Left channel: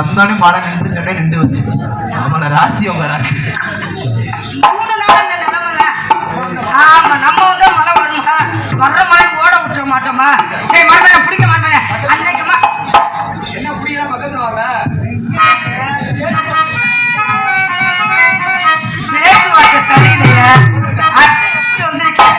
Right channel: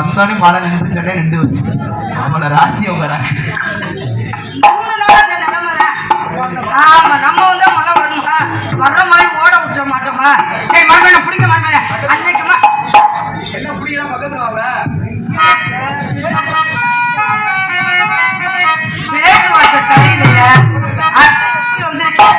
வந்தானே மழை நின்று சொன்னே நின்று வச்சு நம்மள ராசி அவங்க ராசி. ஆமா நம்ம வந்து மழை வருமா வர்ற மாதிரி ஓட விட்டுற மாட்டோமா? சரி மறுபடியும் பிடிக்க மாட்டேன் அன்னைக்குமா என்ன பிடிக்கலாம் பக்கத்துல வாங்க பேசுவாங்க சரியில்லையா வந்திருக்கேன்.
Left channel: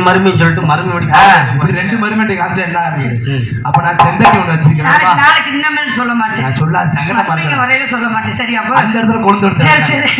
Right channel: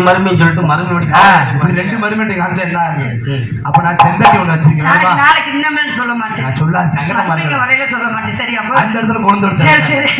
மருமையை சொல்லிட்டு மருமை இப்படி ரெண்டு மருமை காமிச்சா என்ன அப்ப நான் செந்தட்டி ஒண்ணு வச்சிருக்கேன். நாளைக்கு இன்னும் சொல்ல மாட்டேன். நான் சொல்ல சங்கடம் வரையில சொல்ல மாட்டேன். சரியா அந்த இடத்துல கொண்டு வந்து சரி சரி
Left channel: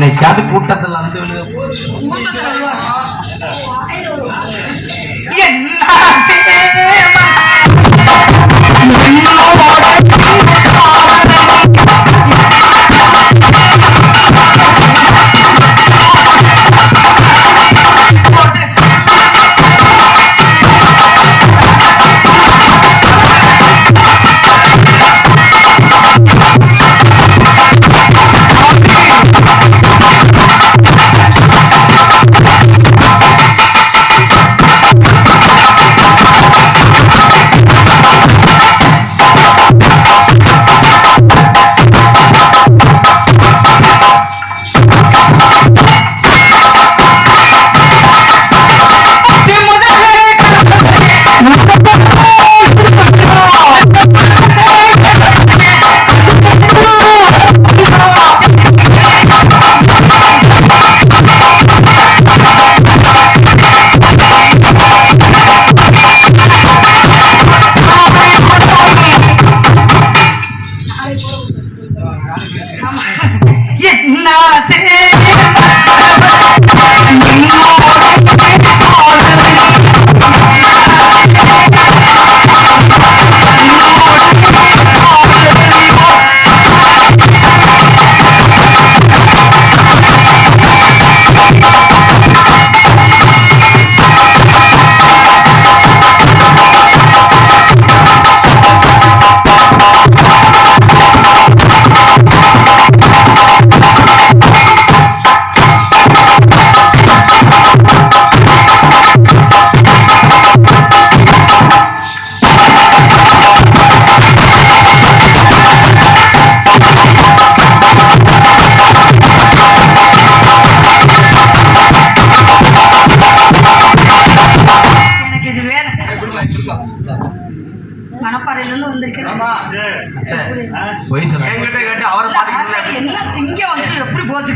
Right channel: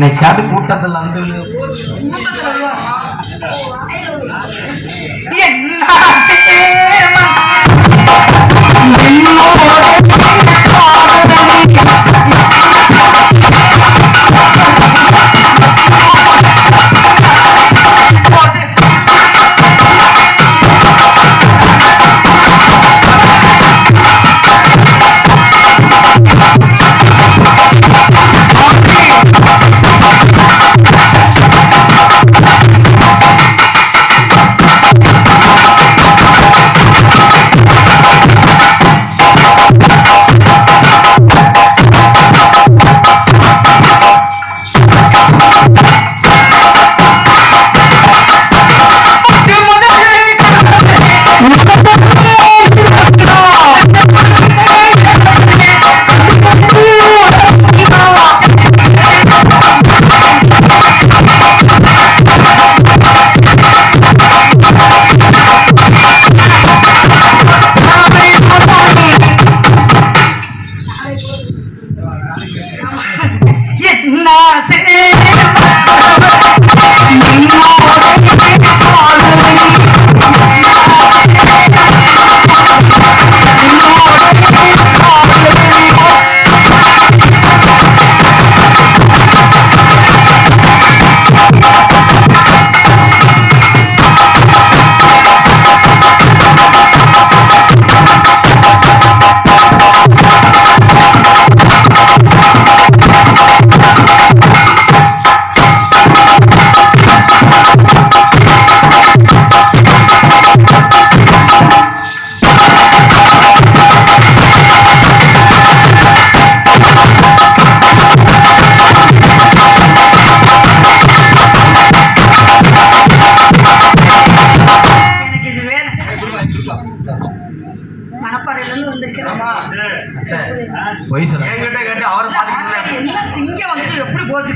என்னைக்காவது கூட்டத்தில் வந்து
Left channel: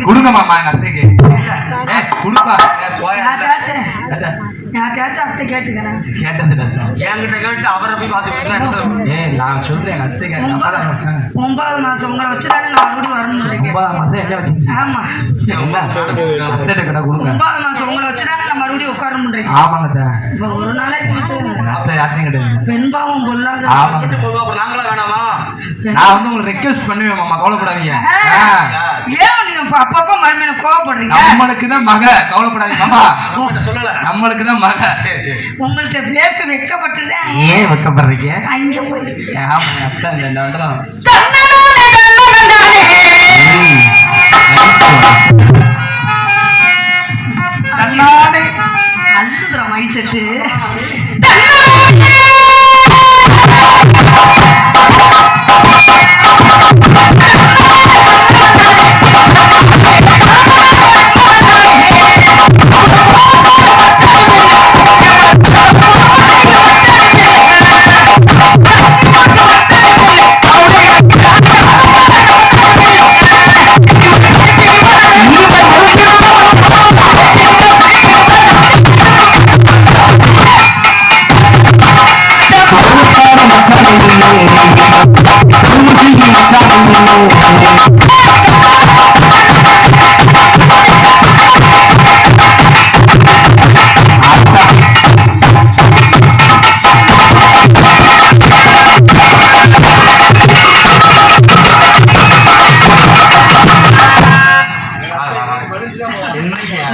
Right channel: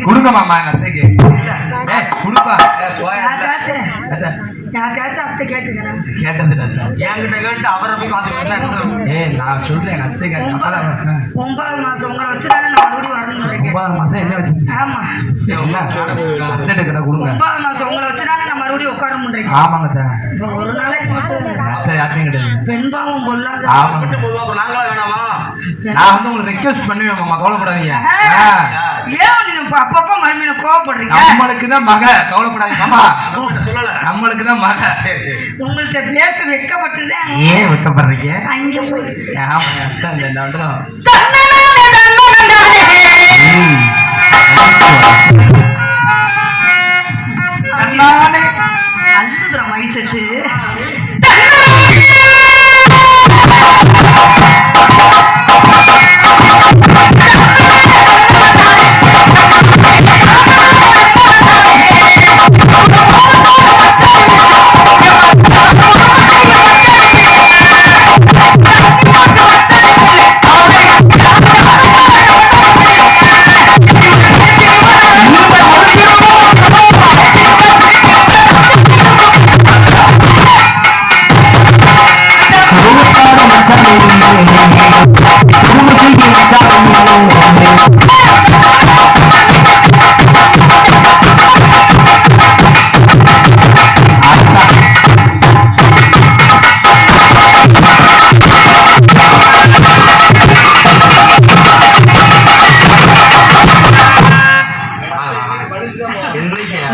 கொடுங்க மாமா எங்க அத்தைக்கு கொடுப்பா அத்தை கேட்டுக்கிறேன் கேட்டது என்கிட்ட கேட்டு அவரை போய் பார்த்து நான் சொல்றேன் எங்க அத்தை கேட்டு 9 மாசம் உங்களை வச்சுட்டாங்க நான் மறுபடியும் வரணும் 9 மாசம் என்ன வச்சு ஆமா கொடுங்க 9 மாசம் உங்களை வச்சுட்டாங்க நான் மறுபடியும் உட்காரணும் ஆமாங்க ஒரு நாளைக்கு அத்தை யாருமே கிடையாது பெண் பாவம் கொள்ளாது நான் வந்து உங்களுக்கு ரெக்வெஸ்ட் பண்ணுவேன் மாமா கவலைப்படாதீங்க ஏன் நீங்க அப்பப்போ மறுமையில கோவப்படுறீங்க நம்மளுக்கு தான் மக கவலைப்படாதீங்க சொல்லல நம்மளுக்கு தான் மக உங்கள்கிட்ட பேச வெட்கப்பட்டதே ஏன் வெட்கப்படுறீங்க அங்க போய் அத்தை இந்த வந்துடும் நல்ல மைசெட்டு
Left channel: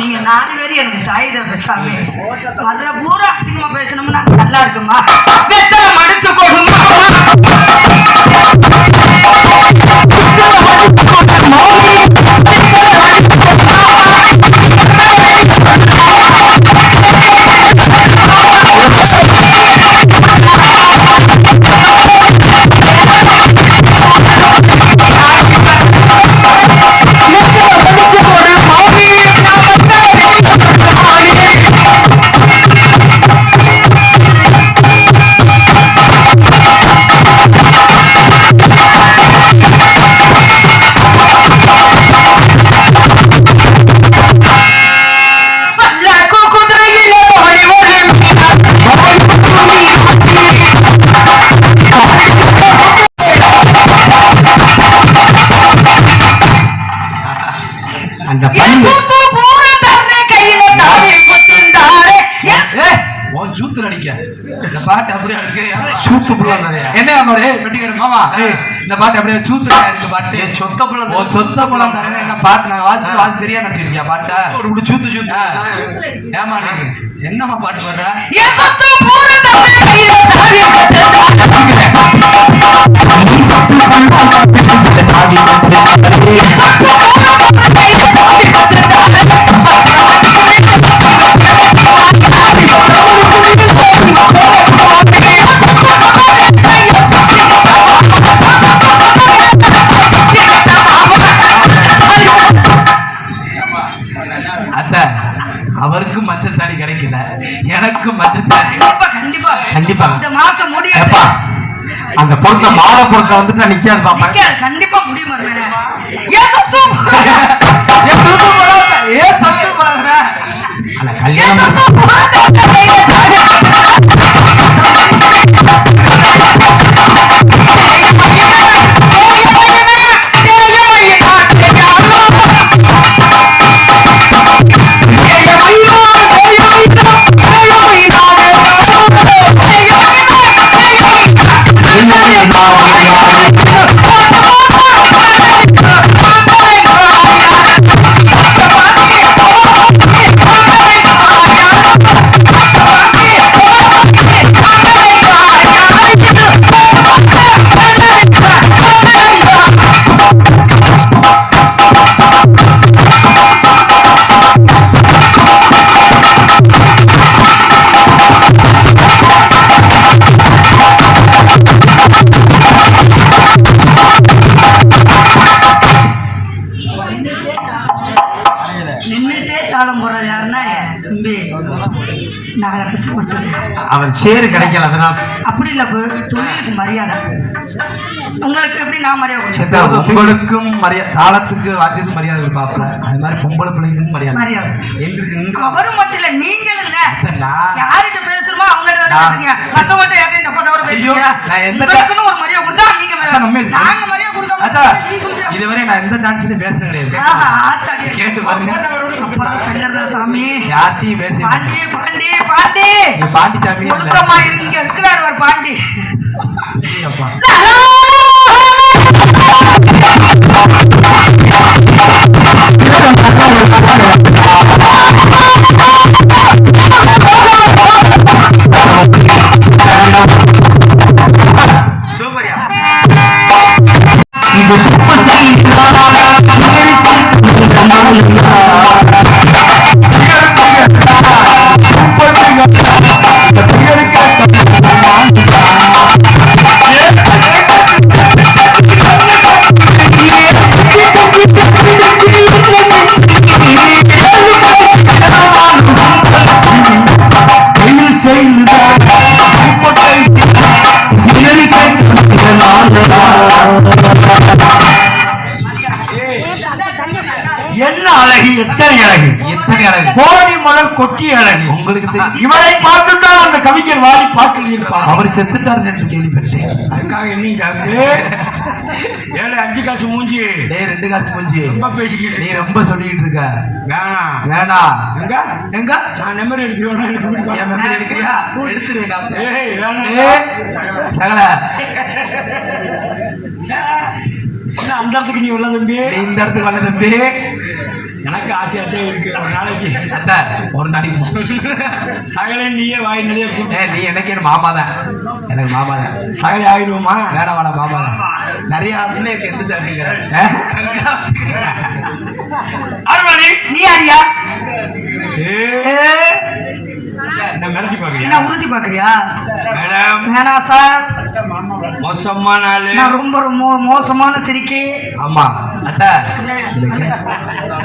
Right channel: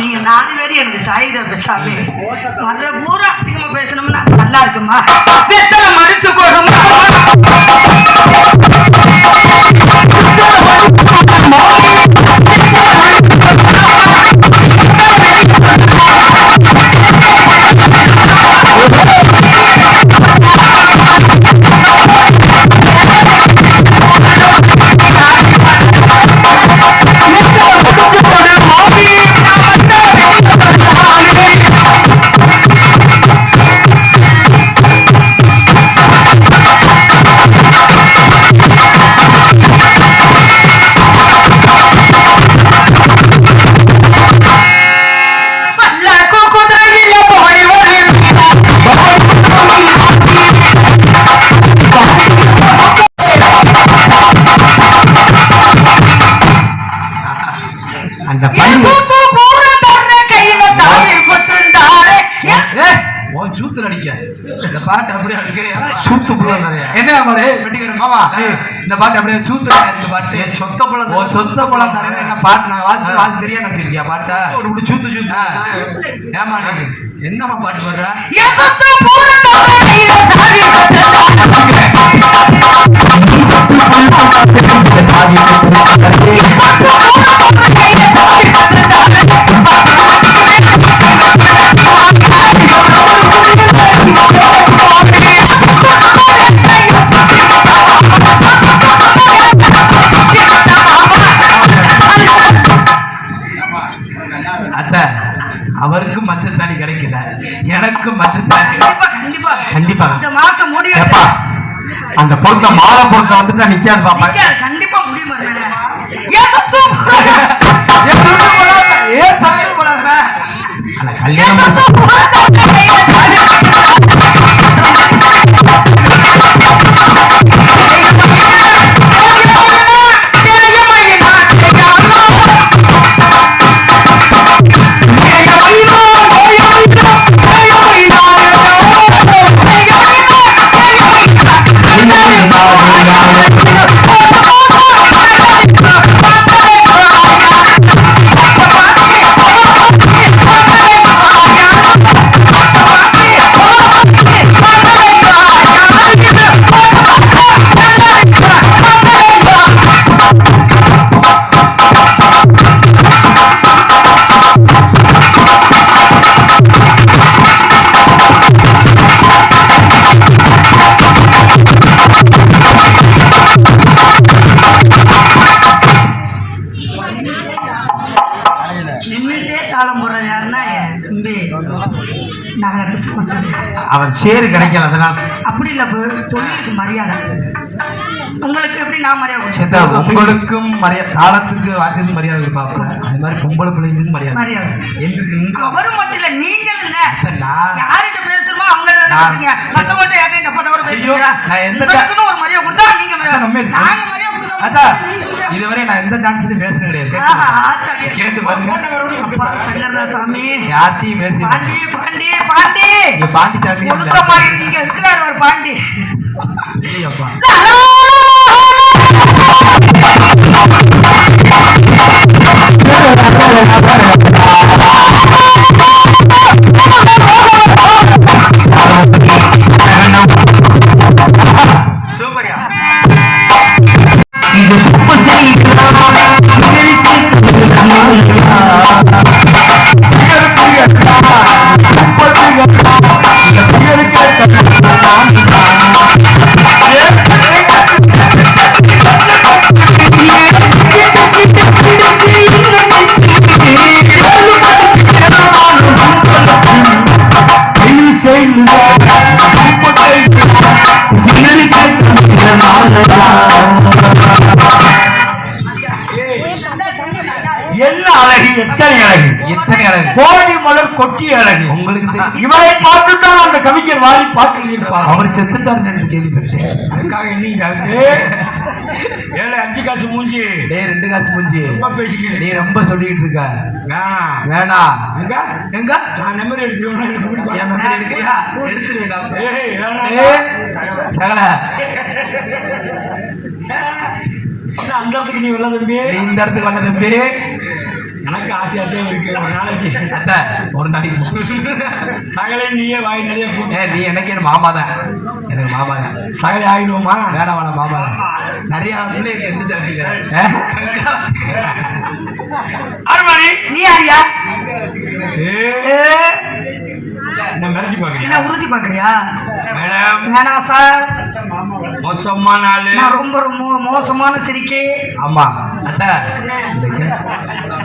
நீங்க 4 பேரும் எனக்கு தாய் தான் பேசாம வர்ற பூரா அசிங்கமா பேசணும்னா நல்லா இருக்குமா வெத்தலை மடிச்சு கொடுமா அந்த கையில சாவி கொத்துந்தாரே. உன் சூத்து நடிக்க இந்த பாட்டு அப்படியே இருக்கு. சூத்து என்ன பாரு வெட்டிக்கிற மாமா, இந்த பாட்டு அப்படியே சூத்து இந்த பாட்டு சொத்த புலம் சொத்த புலம் தரவே என்ன பாட்டு நாங்க வாசி தெரியா நடிச்சிருக்கியா பாட்டை இப்படி சூத்து சூத்து ஏமா நீங்க என்னம்மா பாட்டு வர்ற அவருக்கு மச்சத்தாடி கிடைக்கல, எனக்கு மச்சத்தாடி கண்டிப்பா கண்டிப்பா இந்த மாசம் முடியும். அந்த பொருட்க மாற பொருட்க வந்துட்டு நிக்காது பாப்பா, கண்டிப்பா முடியும். ஏன் சத்து போறாங்க கல்யாணம் அவன் சேரு கிடைக்கல, அதனால் அப்படி இல்ல தொழிலுக்கு மரியாதை. உங்களுக்கு எப்படி நான் மரியாதை? உங்களுக்கும் மரியாதை, தாளத்துக்கு வாத்தியத்துக்கு மரியாதை கொடுப்பாப்ல, அது மாதிரி பொம்பளை பிள்ளைங்களுக்கு மரியாதை. அவரும் மட்டும் இல்ல, நீங்களும் யார்கிட்ட பேசுறோமோ அவங்க மத்த மட்டும் யார்கிட்ட போட்டவரை பேசுறீங்க. ஒரு மரியாதை கொடுத்தா நீங்க நாங்க மரியாதை கொடுத்தோம். இதுவரை நான் எந்த டான்ஸ்லயும் பேச கிடையாது. கேட்டு சாமி யார்த்தையும் பேச பாண்டி பாண்டி பாண்டி பாண்டி சாமி இங்க இருக்கிறார் ஒரு பாண்டி. என்ன அழகு, எத்தனை அழகு, எத்தனை அழகு, கோழி மலர் கொட்டிய அழகு. உங்களுக்கு தெரியும், இவரை பார்த்துதான் அந்த கவிஞர் வாரி பாட்டில் இருப்பார். அவர் செத்துட்டார் என்று கேள்விப்பட்டேன். அதுக்காக என்னைக்கு 7-5 காசு மூஞ்சி, 2 காசு மூஞ்சி பேசிக்கிட்டு நீ ரொம்ப சொல்லிட்டு இருக்க. வேணாம் வேணாம், எங்க நான் நம்பர் எடுத்துருக்கியா? எடுத்துருவேடா சகல அந்த இடத்துக்கு நீ உள்ள தம்பி, இந்த இடத்துக்கு வந்த தம்பி. எனக்கு ஆசையாத்தான் இருக்கு. ஒரு நாளைக்கு சகலை நீயே வாய் நிறைய நீ எனக்கு மாமா தான், எனக்கு மாமா தான். சகலை ஆகிடுவோமா? வேணாம் வேணாம், மாமா தான். நிறைய எந்த சாப்பிட்டீங்க நீ யாரியா? என்ன மிரட்டி பாக்குறியா? என்ன உறுதி பாக்குறியா? மேடம் வேணாம் சார், மோசமான ஆளு, ரொம்ப மோசமான சிரிக்கை. ஆமா அத்தா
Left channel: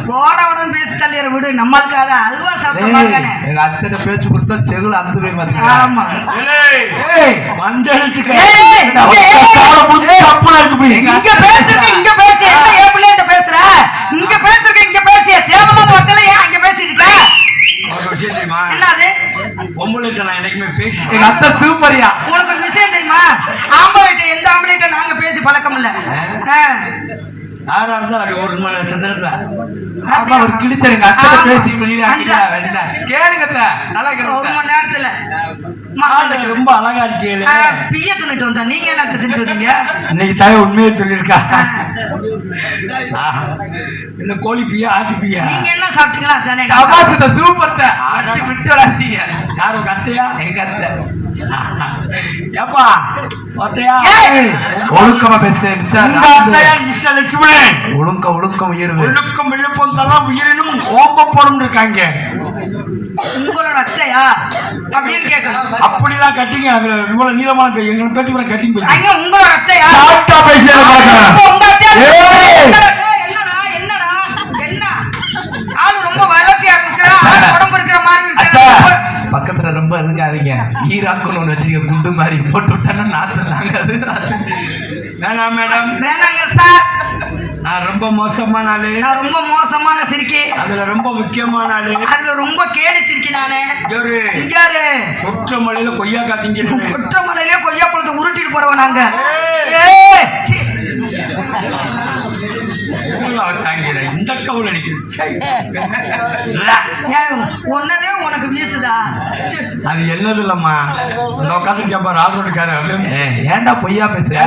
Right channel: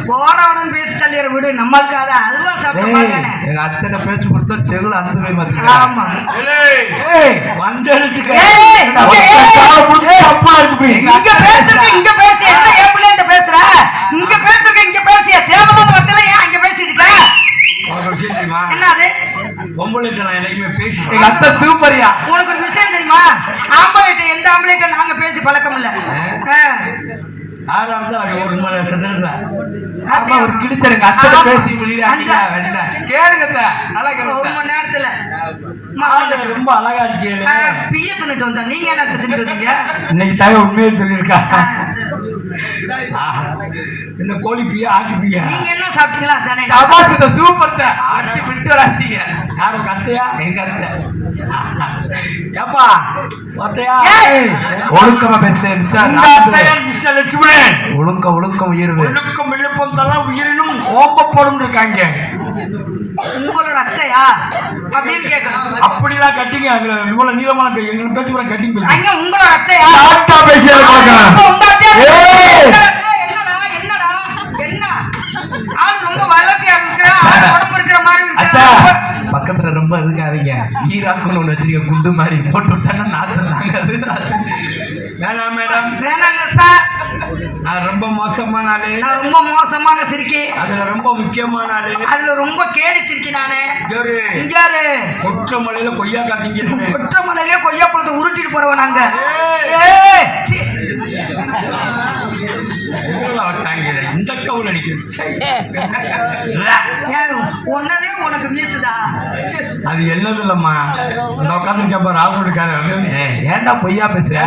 போனவுடன் பேசி தள்ளிற விடு, நம்மளுக்காக அல்வா சாப்பிட்டு எங்க அத்தனை பேச்சு கொடுத்தா செகுல அந்த போய் மாதிரி. ஆமா மஞ்சள் இங்க பேசுறேன், இங்க பேச என்ன ஏன் பிள்ளைகிட்ட பேசுற? இங்க பேசுறேன், இங்க பேசிய தேவையான மக்கள் ஏன் இங்க பேசிட்டு இருக்க? என்னது பொம்பளைட்ட நான் எனக்குமே பேசி எங்க அத்தை சூப்பரியா. உனக்கு ஒரு விஷயம் தெரியுமா? ஆம்பளைட்ட எந்த ஆம்பளைட்ட நாங்க பேசி பழக்கம் இல்ல. யாரா இருந்தா ஒரு மணி சென்டர்ல அப்பா ஒரு கிழிச்சருங்க அத்தை பேசி முடியல கேளுங்க நல்லா ஒரு மணி நேரத்துல ரொம்ப அழகா இருக்கீங்க. பிய தின்னுட்டு வந்தா நீங்க என்ன தின்னுட்டு வந்தீங்க? இன்னைக்கு தாய் உண்மையை சொல்லியிருக்கா. இந்த கோழி பியா ஆட்டு பியா நீங்க என்ன சாப்பிட்டீங்களா? தானே சபாஸ் சூப்பர் தான் ஆட்டி விட்டு வராதீங்க. யார் உங்க அத்தையா? எங்க அத்தை. ஏப்பா அத்தையா ஒழுக்கமா பேசு மிஸ்டர் மிஸ்டர் லட்சுமணன். ஒழுக்கம் உயர்வு ஒழுக்கம் விழுப்பம் தலாம் உயிரினும் ஓம்பப்படும் இருக்காங்க. உங்களோட அத்தையா அப்படின்னு கேட்கணும். அப்படிலாம் கட்டிங்க அதுல இவ்வளவு நீளமான பேர் எங்களை பேச்சு கூட கட்டிங் போய் அங்க உங்களோட அத்தையா சாப்பிட்டா பேசுறது உங்க அத்தையா என்னடா என்ன ஆளு ரொம்ப வளர்த்தியா இருக்கிறா உடம்பு இருக்கிற மாதிரி அத்தா பக்கத்துல ரொம்ப இருக்காதீங்க. ஈராக்குன்னு ஒண்ணு வச்சிருக்க குண்டு மாதிரி போட்டு விட்டானா நாத்தம் தாங்க அது. வேணாம் மேடம் வேணாங்க சார். நான் ரொம்ப மோசமான ஆளு. நான் ரொம்ப மோசமான சிரிக்கி. அதுல ரொம்ப முக்கியமான ஆளு. அதுல ரொம்ப கேடி சிரிக்கி நானு. இங்க கொற்றமலையில கொய்யாக்கா திங்கிறேன். கொற்றமலையில கொய்யா பழத்தை உருட்டிட்டு போறவன் நாங்க. இந்த கவுல் அடிக்குது. ஒன்னதே உனக்கு வீசுதா? அது என்னது இல்லம்மா இந்த உட்காந்து கேப்பா ராபர்ட்கார ஏன்டா பொய்யா பேசுற?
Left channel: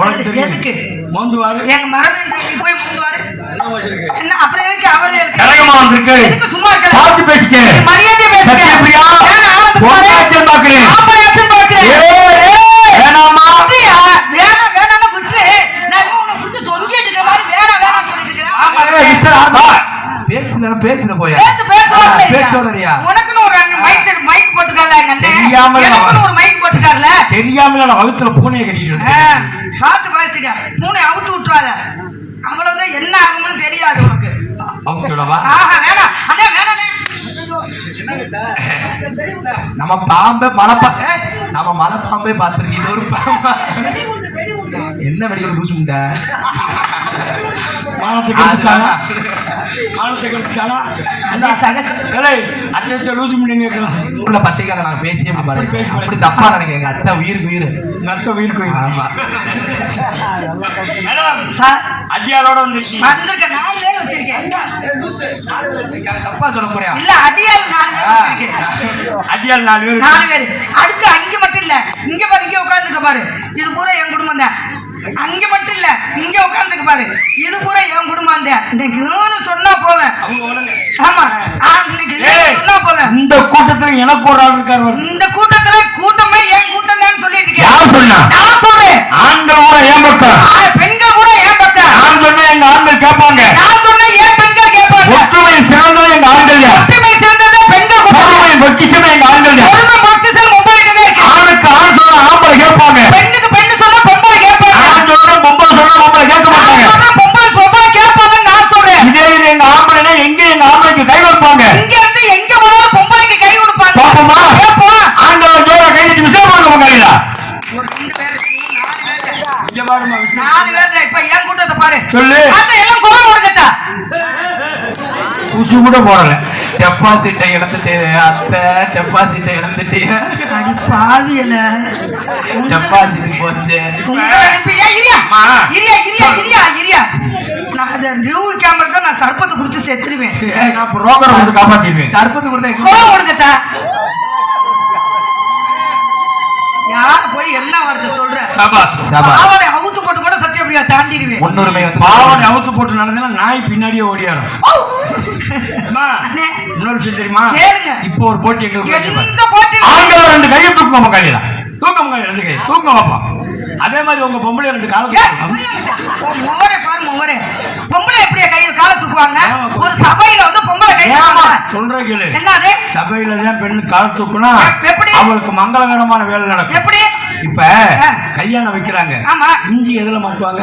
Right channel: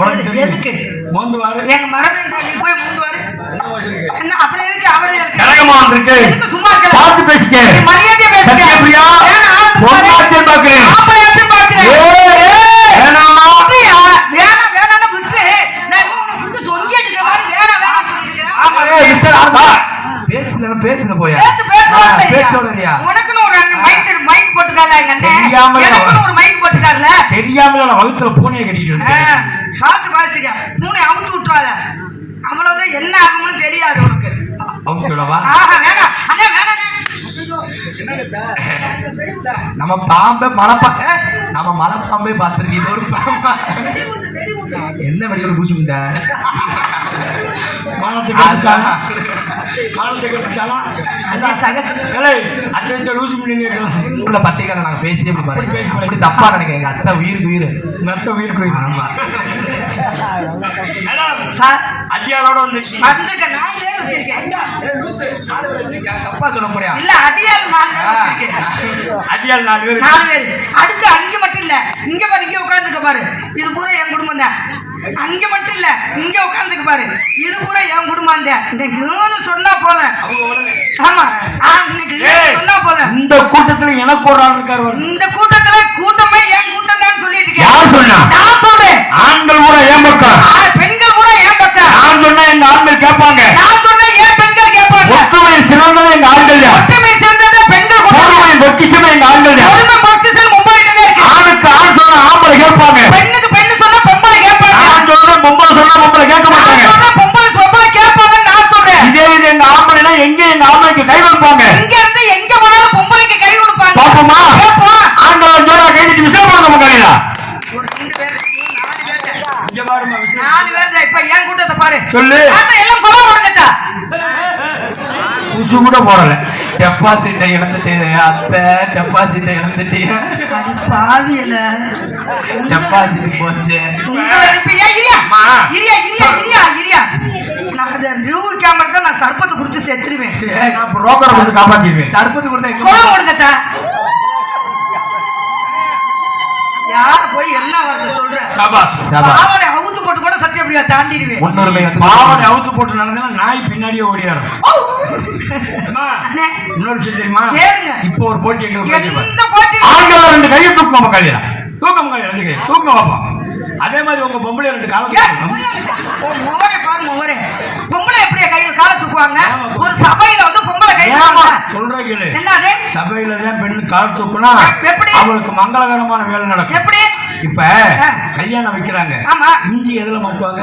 உனக்கு எதுக்கு மோந்துவாரு எங்க மரபு போய் மோந்துவாரு என்ன அப்புறம் எதுக்கு அவரே இருக்கு கரகமா இருக்கு எதுக்கு சும்மா இருக்க பார்த்து பேசிக்க மரியாதை பேசுங்க சத்யபிரியா பொன்னாச்சன் பாக்குறேன் அப்பயாச்சும் பாக்குறேன் வேணாமா வேணாம்னு விட்டு நான் உன்னை புடிச்சு தொங்கிட்டு இருக்க மாதிரி வேணாம் சொல்லிட்டு இருக்கேன். பேச்சுல போயா பேச்சோடறியா? உனக்குன்னு ஒரு மைக் போட்டுக்கால எங்க அண்ணன் எனக்குன்னு ஒரு மைக் போட்டுக்காருல தெரியாமல நான் வகுத்துல பூனையை கட்டிட்டு இருக்கேன். பார்த்து வாசிக்க பூனை அவுத்து விட்டுறாத அவ்வளவுதான் என்ன ஆகும்னு தெரியாது உனக்கு. அவுத்துடவா? வேணாம் அண்ணே வேணாம் நம்ம பாம்பே மலைப்பாம்பே பார்த்திருக்கு. இது ஒரு பாம்பா என்ன வெடிக்கிற பூச்சி முண்டா மானத்துக்கு உள்ள பத்திரிக்கை நாங்க பேசியே அப்படி தப்பா நினைக்கிறேன். எங்க அத்தை உயிருக்கு உயிர் ஆமா அடியாரோட வந்து தப்பா சொல்ல போறியா? இல்ல அடியால் அடியால் 4 பேர் அடுத்து அங்க மட்டும் இல்ல இங்க பாரு இங்க உட்கார்ந்துக்க பாரு இது பூரா என் குடும்பம் தான். அங்க மட்டும் இல்ல இங்க உட்கார்ந்துக்க பாரு இது பூரா என் குடும்பம் தான். இன்னைக்கு சொன்னா போல ஆமா இன்னைக்கு சொன்னா போல இந்த கூட்டத்துல எனக்கு ஒரு ஆள் இருக்காரு. இந்த கூட்டத்துல கூட்டமே என் கூட்டம் தான் சொல்லிட்டு யார் சொன்னா? நான் சொல்றேன். ஆண்கள் பூரா ஏன் பக்கம் பெண்கள் பூரா ஏன் பக்கம் நான் சொன்னா எங்க ஆண்கள் கேட்பாங்க. நான் சொன்னா ஏன் பெண்கள் கேட்பாங்க. ஒற்றுமை சிறந்தது எங்க ஆண்கள். ஒற்றுமை சிறந்தது பெண்கள். பொறுமை பொக்கிஷமே எங்க ஆண்கள். பொறுமை பொக்கிஷம் பொம்பளைகிட்டே இருக்கு. ஆணுக்கு ஆண் சொன்னா ஆம்பளை கேட்பாங்க. பெண்ணுக்கு பெண்ணு சொன்னா பொம்பளை கேட்பாங்க. ஆண் சொன்னா பொம்பளை சொன்னா பொம்பளை கேட்க மாட்டாங்க. பொம்பளை கேட்பாங்கன்னு நான் சொல்றேன். இதே இது எங்க ஆம்பளைனா எங்க எங்க ஆம்பளைக்கு கை வைப்பாங்க. இங்க இருந்து எங்க போனாலும் பொம்பளைக்கு கை கொடுப்பாங்க. பாப்போமா? கேப்போம். ஆண்கள் ஜோரா கை நீட்டி விஷயம் பண்ணுங்க மகளிரா. ஒரு 2 பேர் 4 பேர். இங்க பாருமா விஷயம். 4 பேர் இப்ப என் கூட்டத்தை பாரு. சொல்லு. அத எல்லாம் கோவம் கொடுக்கட்டா. உசு கூட போடல. டெபாசிட்டை இழந்துட்டே அத்தை டெபாசிட்டை இழந்துட்டே அடி பாவியல டெபாசிட் போச்சு. நான் சர்பத்தை குடிச்சு செத்துருவேன். காப்பாத்திடுவேன். சர்பத்து கொடுத்தா கோவம் கொடுக்கட்டா. யார் போய் என்ன வருது சொல்ற? பாவனை அவுத்து போட்டு கூட சத்தியபிரியா தாண்டிடுவேன். முன்னுரிமை பாவனை அவுத்து போட்டு நடந்தா நாய் பின்னாடியே ஓடியாரும். இன்னொரு விஷயம் தெரியுமா? இப்போ ஒரு போட்டி எங்களுக்கு ஆண்கள் 2 கையை தூக்குவோம் மக்காளியா தூக்க மக்காளி 2 கை தூக்க வைப்போம். அதே மாதிரி உங்க பொம்பளை 2 காலம் பொம்பளை எப்படியா கையில் கால தூக்குவாங்க? ஒரு சபையில வந்து பொம்பளை கை சொல்றேன் கேளு. என்னது? சபையில தான் பெண்ணு கால் தூக்குனா எப்படி அவளுக்கு மங்களகரமான வேலை நடக்கும். எப்படி? இப்ப கல்யாணம் வைக்கிறாங்க. மிஞ்சி எதுல மாட்டுவாங்க?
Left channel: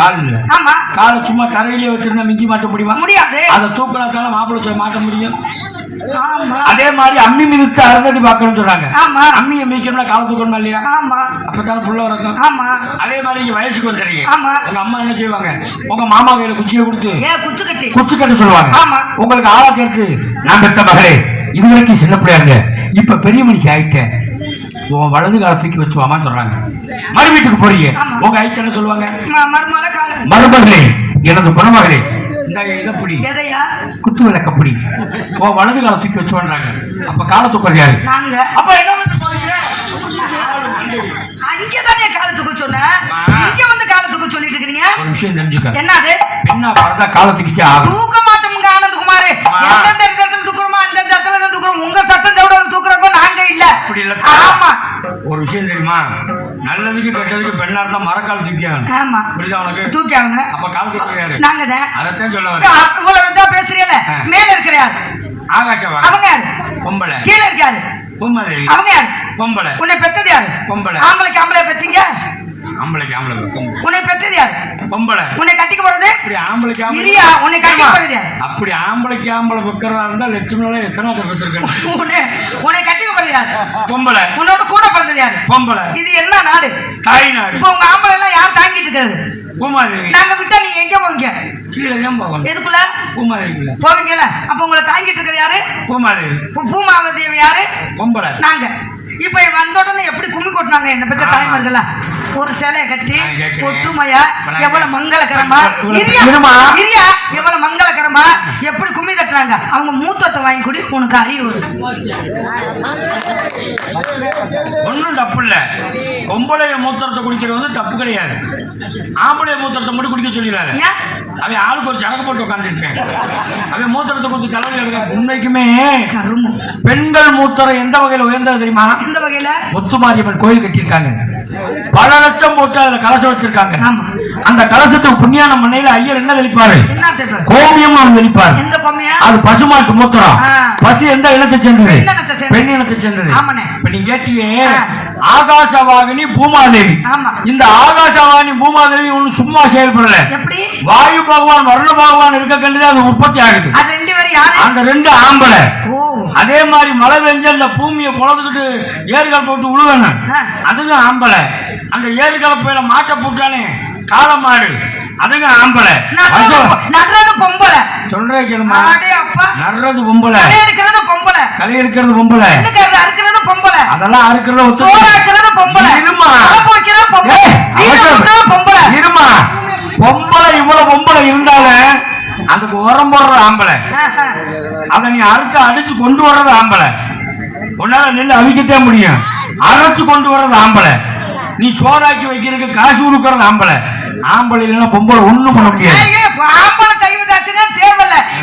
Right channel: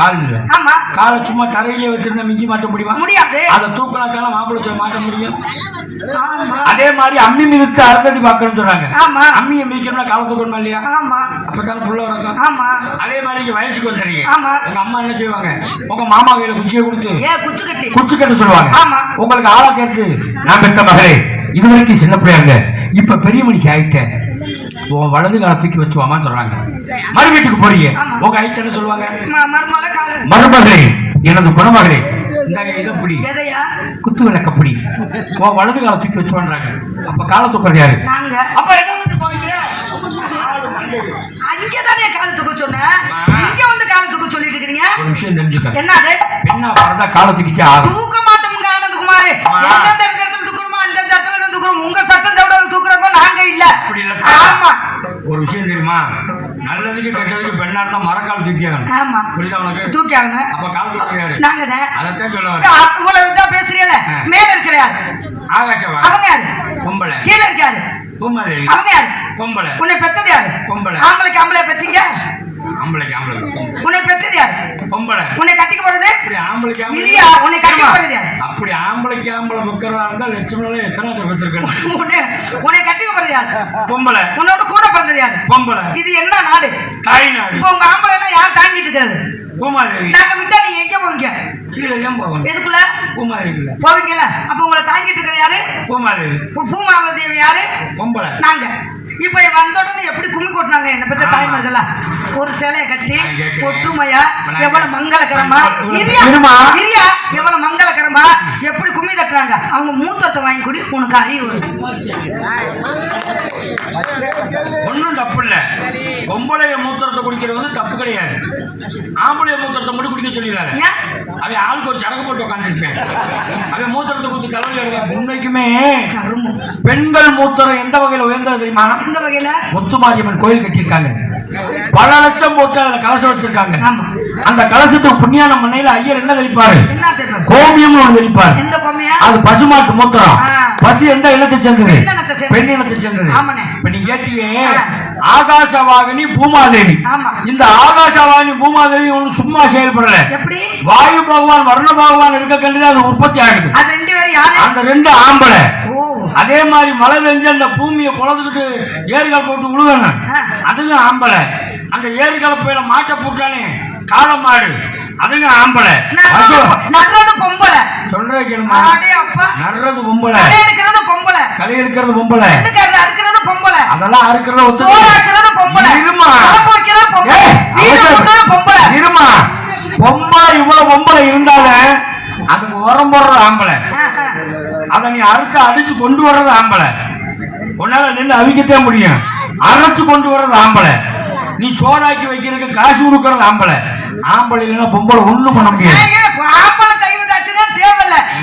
கால்ல. ஆமா காலை சும்மா தரையிலே வச்சிருந்தா மிஞ்சி மாட்ட முடியுமா? முடியாது. அதை தூக்கினா காலம் மாப்பிள்ளை மாட்ட முடியும். அதே மாதிரி அம்மி மிதித்து அருந்ததி பார்க்கணும்னு சொல்றாங்க. அம்மியை மிதிக்கணும்னா காலை தூக்கணுமா இல்லையா? அப்பதான் புள்ள வரும். அதே மாதிரி இங்க வயசுக்கு வந்துடுறீங்க. உங்க அம்மா என்ன செய்வாங்க? உங்க மாமா கையில குச்சியை கொடுத்து குச்சி கட்ட சொல்லுவாங்க. உங்களுக்கு ஆளா கேட்டு நான் பெத்த மகளே இது வரைக்கும் சின்ன பிள்ளையாங்க இப்ப பெரிய மனுஷி ஆயிட்டேன் உன் வலது கால தூக்கி வச்சுவாமா சொல்றாங்க. மறு வீட்டுக்கு போறீங்க, உங்க ஐட்டு என்ன சொல்லுவாங்க? மருமகளே, எனது குணமகளே, இந்த இதை புடி, குத்து விளக்க புடி, உன் வலது கால தூக்கி வச்சுவான்றாங்க. அப்ப கால தூக்குறது யாரு? அப்ப என்ன போறீங்க? அங்கேதான் காலத்துக்கு சொன்னேன், இங்க வந்து காலத்துக்கு சொல்லிட்டு இருக்கீங்க. ஒரு விஷயம் தெரிஞ்சுக்க, என்னது? என்ன வரதா காலத்துக்கிட்டே ஆகும். தூக்க மாட்டோமுங்க ஆனந்தகுமார், எந்தெந்த இடத்துல தூக்குறோமோ அந்த இடத்துல தூக்குறோம். உங்க சட்டம் தவிர தூக்குறப்ப நாங்க இல்ல. அப்படி இல்ல. ஆமா, ஒரு விஷயம் தெரியுமா, நல்லதுக்கு கெட்டதுக்கு பெண்ணா இருந்தா மரக்கால் தூக்கியாங்க. ஆமா, புரியுதா உனக்கு? தூக்கியாங்க. அப்ப கால் தூக்கியாரு நாங்க அதைத்தான் சொல்லுவாங்க. அவ்வளவுதான் பேசுறீல. மேல இருக்கிறார் ஆகாஷவா, அவங்க யாரு? பொம்பளை. கீழே இருக்காரு பூமாதேவி, அவங்க யாரு? பொம்பளை. உன்னை பெத்தது யாரு? பொம்பளை. ஆம்பளைக்கு ஆம்பளை பெத்தீங்க? ஆம்பளைக்கு ஆம்பளை. உன்னை பெத்தது யாரு? பொம்பளை. உன்னை கட்டிக்க போறது? அப்படி ஆம்பளைக்கு ஆம்பளை இல்லையா? உன்னை கட்டிக்க போறது யாரு? அப்படி ஆம்பளைக்கு ஆம்பளை வைக்கிறதா இருந்தா லட்சுமணால எத்தனை வச்சிருக்கேன். உன்னை கட்டிக்க போறது யாரு? பொம்பளை. உன்னோட கூட பிறந்தது யாரு? பொம்பளை. இது என்ன நாடு? தாய் நாடு. இப்ப உங்க ஆம்பளை எல்லாம் யார் தாங்கிட்டு இருக்கிறது? பூமாதேவி. நாங்க விட்டா நீங்க எங்க போவீங்க? கீழே தான் போவோம். எதுக்குள்ள? பூமாதேவிக்குள்ள போவீங்கல்ல. அப்ப உங்களை தாங்கிட்டு இருக்கிற யாரு? பூமாதேவி. பூமாதேவி யாரு? பொம்பளை. நாங்க இப்ப வந்த உடனே எப்படி கும்மி கொட்டினாங்க என்ன பெற்ற தலைவர்களா? ஒரு சேலையை கட்டி ஒற்றுமையா எவ்வளவு மங்களகரமா, இரியா எவ்வளவு மங்களகரமா எப்படி கும்மி தட்டுறாங்க. அவங்க மூத்தத்தை வாங்கி குடி, உனக்கு அறிவு ஒன்றும் தப்பு இல்ல. பொம்பளைய மூத்திரத்தை குடிக்கிறது வந்து தப்பு கிடையாது. ஆம்பளைய மூத்திரத்தை மட்டும் குடிக்க சொல்லிடாரு. அவன் ஆளுக்கு ஒரு சடங்கு போட்டு உட்காந்துருப்பேன். அவன் மூத்திரத்தை கொடுத்து தலைவலி. உண்மைக்குமே பெண்கள் மூத்திரம் எந்த வகையில் உயர்ந்தது தெரியுமா? இந்த வகையில முத்துமாரியம்மன் கோயில் கட்டியிருக்காங்க. பல லட்சம் போட்டு அதுல கலசம் வச்சிருக்காங்க. அந்த கலசத்துக்கு புண்ணியான மண்ணையில ஐயர் என்ன தெளிப்பாரு? கோமியம் ஒன்று தெளிப்பாரு. அது பசுமாட்டு மூத்திரம். பசு எந்த இனத்தை சேர்ந்தது? பெண் இனத்தை சேர்ந்தது. இப்ப நீ கேட்டியே ஆகாசவாகினி பூமாதேவி. இந்த ஆகாசவாகினி பூமாதேவி ஒண்ணு சும்மா செயல்படல. வாயு பகவான் வர்ண பகவான் இருக்க கண்டிதான் அது உற்பத்தி ஆகுது. அந்த ரெண்டு ஆம்பளை. அதே மாதிரி மழை பெஞ்சு அந்த பூமியை பொழந்துக்கிட்டு ஏரிகள் போட்டு உழுவன, அதுங்க ஆம்பளை. அந்த ஏரி கலப்பையில மாட்டை போட்டானே காலமாடு, அதுங்க ஆம்பளை. பொம்பளை சொல்ற கேளுமா, நடுறது பொம்பளை, களை எடுக்கிறது பொம்பளை, அதெல்லாம் அறுக்கிறது இருமா. பொம்பளை இவ்வளவு பொம்பளை இருந்தாலும் அதுக்கு உரம் போடுறது ஆம்பளை. அதை நீ அடிச்சு கொண்டு வர்றது ஆம்பளை. உன்னால நின்று அவிக்கத்தான் முடியும். அரைச்சு கொண்டு வர்றது ஆம்பளை. நீ சோறாக்கி வைக்கிறதுக்கு காசு கொடுக்கறது ஆம்பளை. ஆம்பளை இல்லைன்னா பொம்பளை ஒண்ணும் பண்ண முடியாது.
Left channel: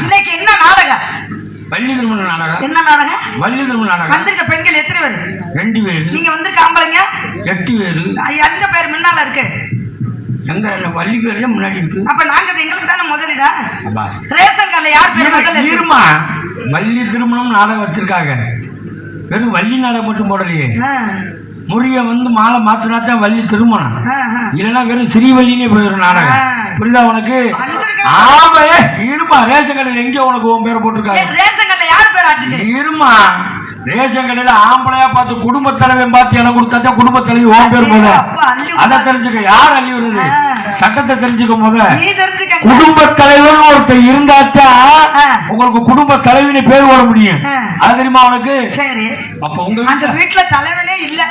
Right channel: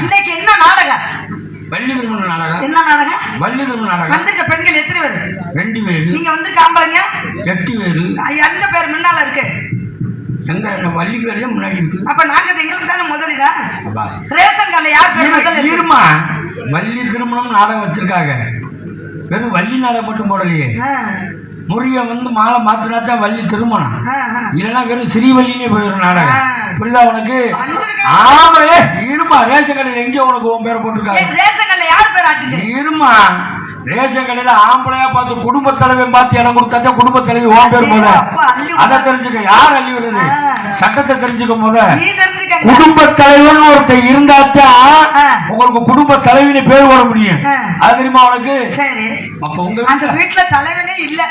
இன்னைக்கு என்ன நாடகம்? வள்ளி திருமண நாடகம். என்ன நாடகம்? வள்ளி திருமண நாடகம். வந்திருக்க பெண்கள் எத்தனை பேர்? 2 பேர். நீங்க வந்து ஆம்பளைங்க 8 பேர். எந்த பேர் முன்னால இருக்கு? எங்க வள்ளி பேரே முன்னாடி இருக்கு. அப்ப நாங்க எங்களுக்கு தானே முதலிடா? ரேஷன் கார்டுல யார் பேர் முதல்ல? இருமா, வள்ளி திருமணம் நாடகம் வச்சிருக்காங்க. வெறும் வள்ளி நாடகம் மட்டும் போடலையே. முறிய வந்து மாலை மாத்தினாத்தான் வள்ளி திருமணம். இல்லைன்னா வெறும் ஸ்ரீவல்லின்னு போயிடும் நாடகம். புரியுதா உனக்கு? ஆமையே இருமா, ரேஷன் கடையில் எங்க உனக்கு உன் பேரை போட்டிருக்காங்க? ரேஷன் கடையில் யார் பேர் ஆட்டுது? இருமா, ரேஷன் கடையில ஆம்பளையா பார்த்து குடும்ப தலைவன் பார்த்து இடம் கொடுத்தா குடும்ப தலைவி உன் பேர் போத. அதை தெரிஞ்சுக்க. யார் அள்ளி விடுறது? சட்டத்தை தெரிஞ்சுக்க போத. குடும்ப தலைவன் ஒருத்தர் இருந்தாத்தான் உங்களுக்கு குடும்ப தலைவின்னு பேர் போட முடியும். அது தெரியுமா உனக்கு? சரி, அப்ப உங்க அந்த வீட்டுல தலைவனே இல்ல.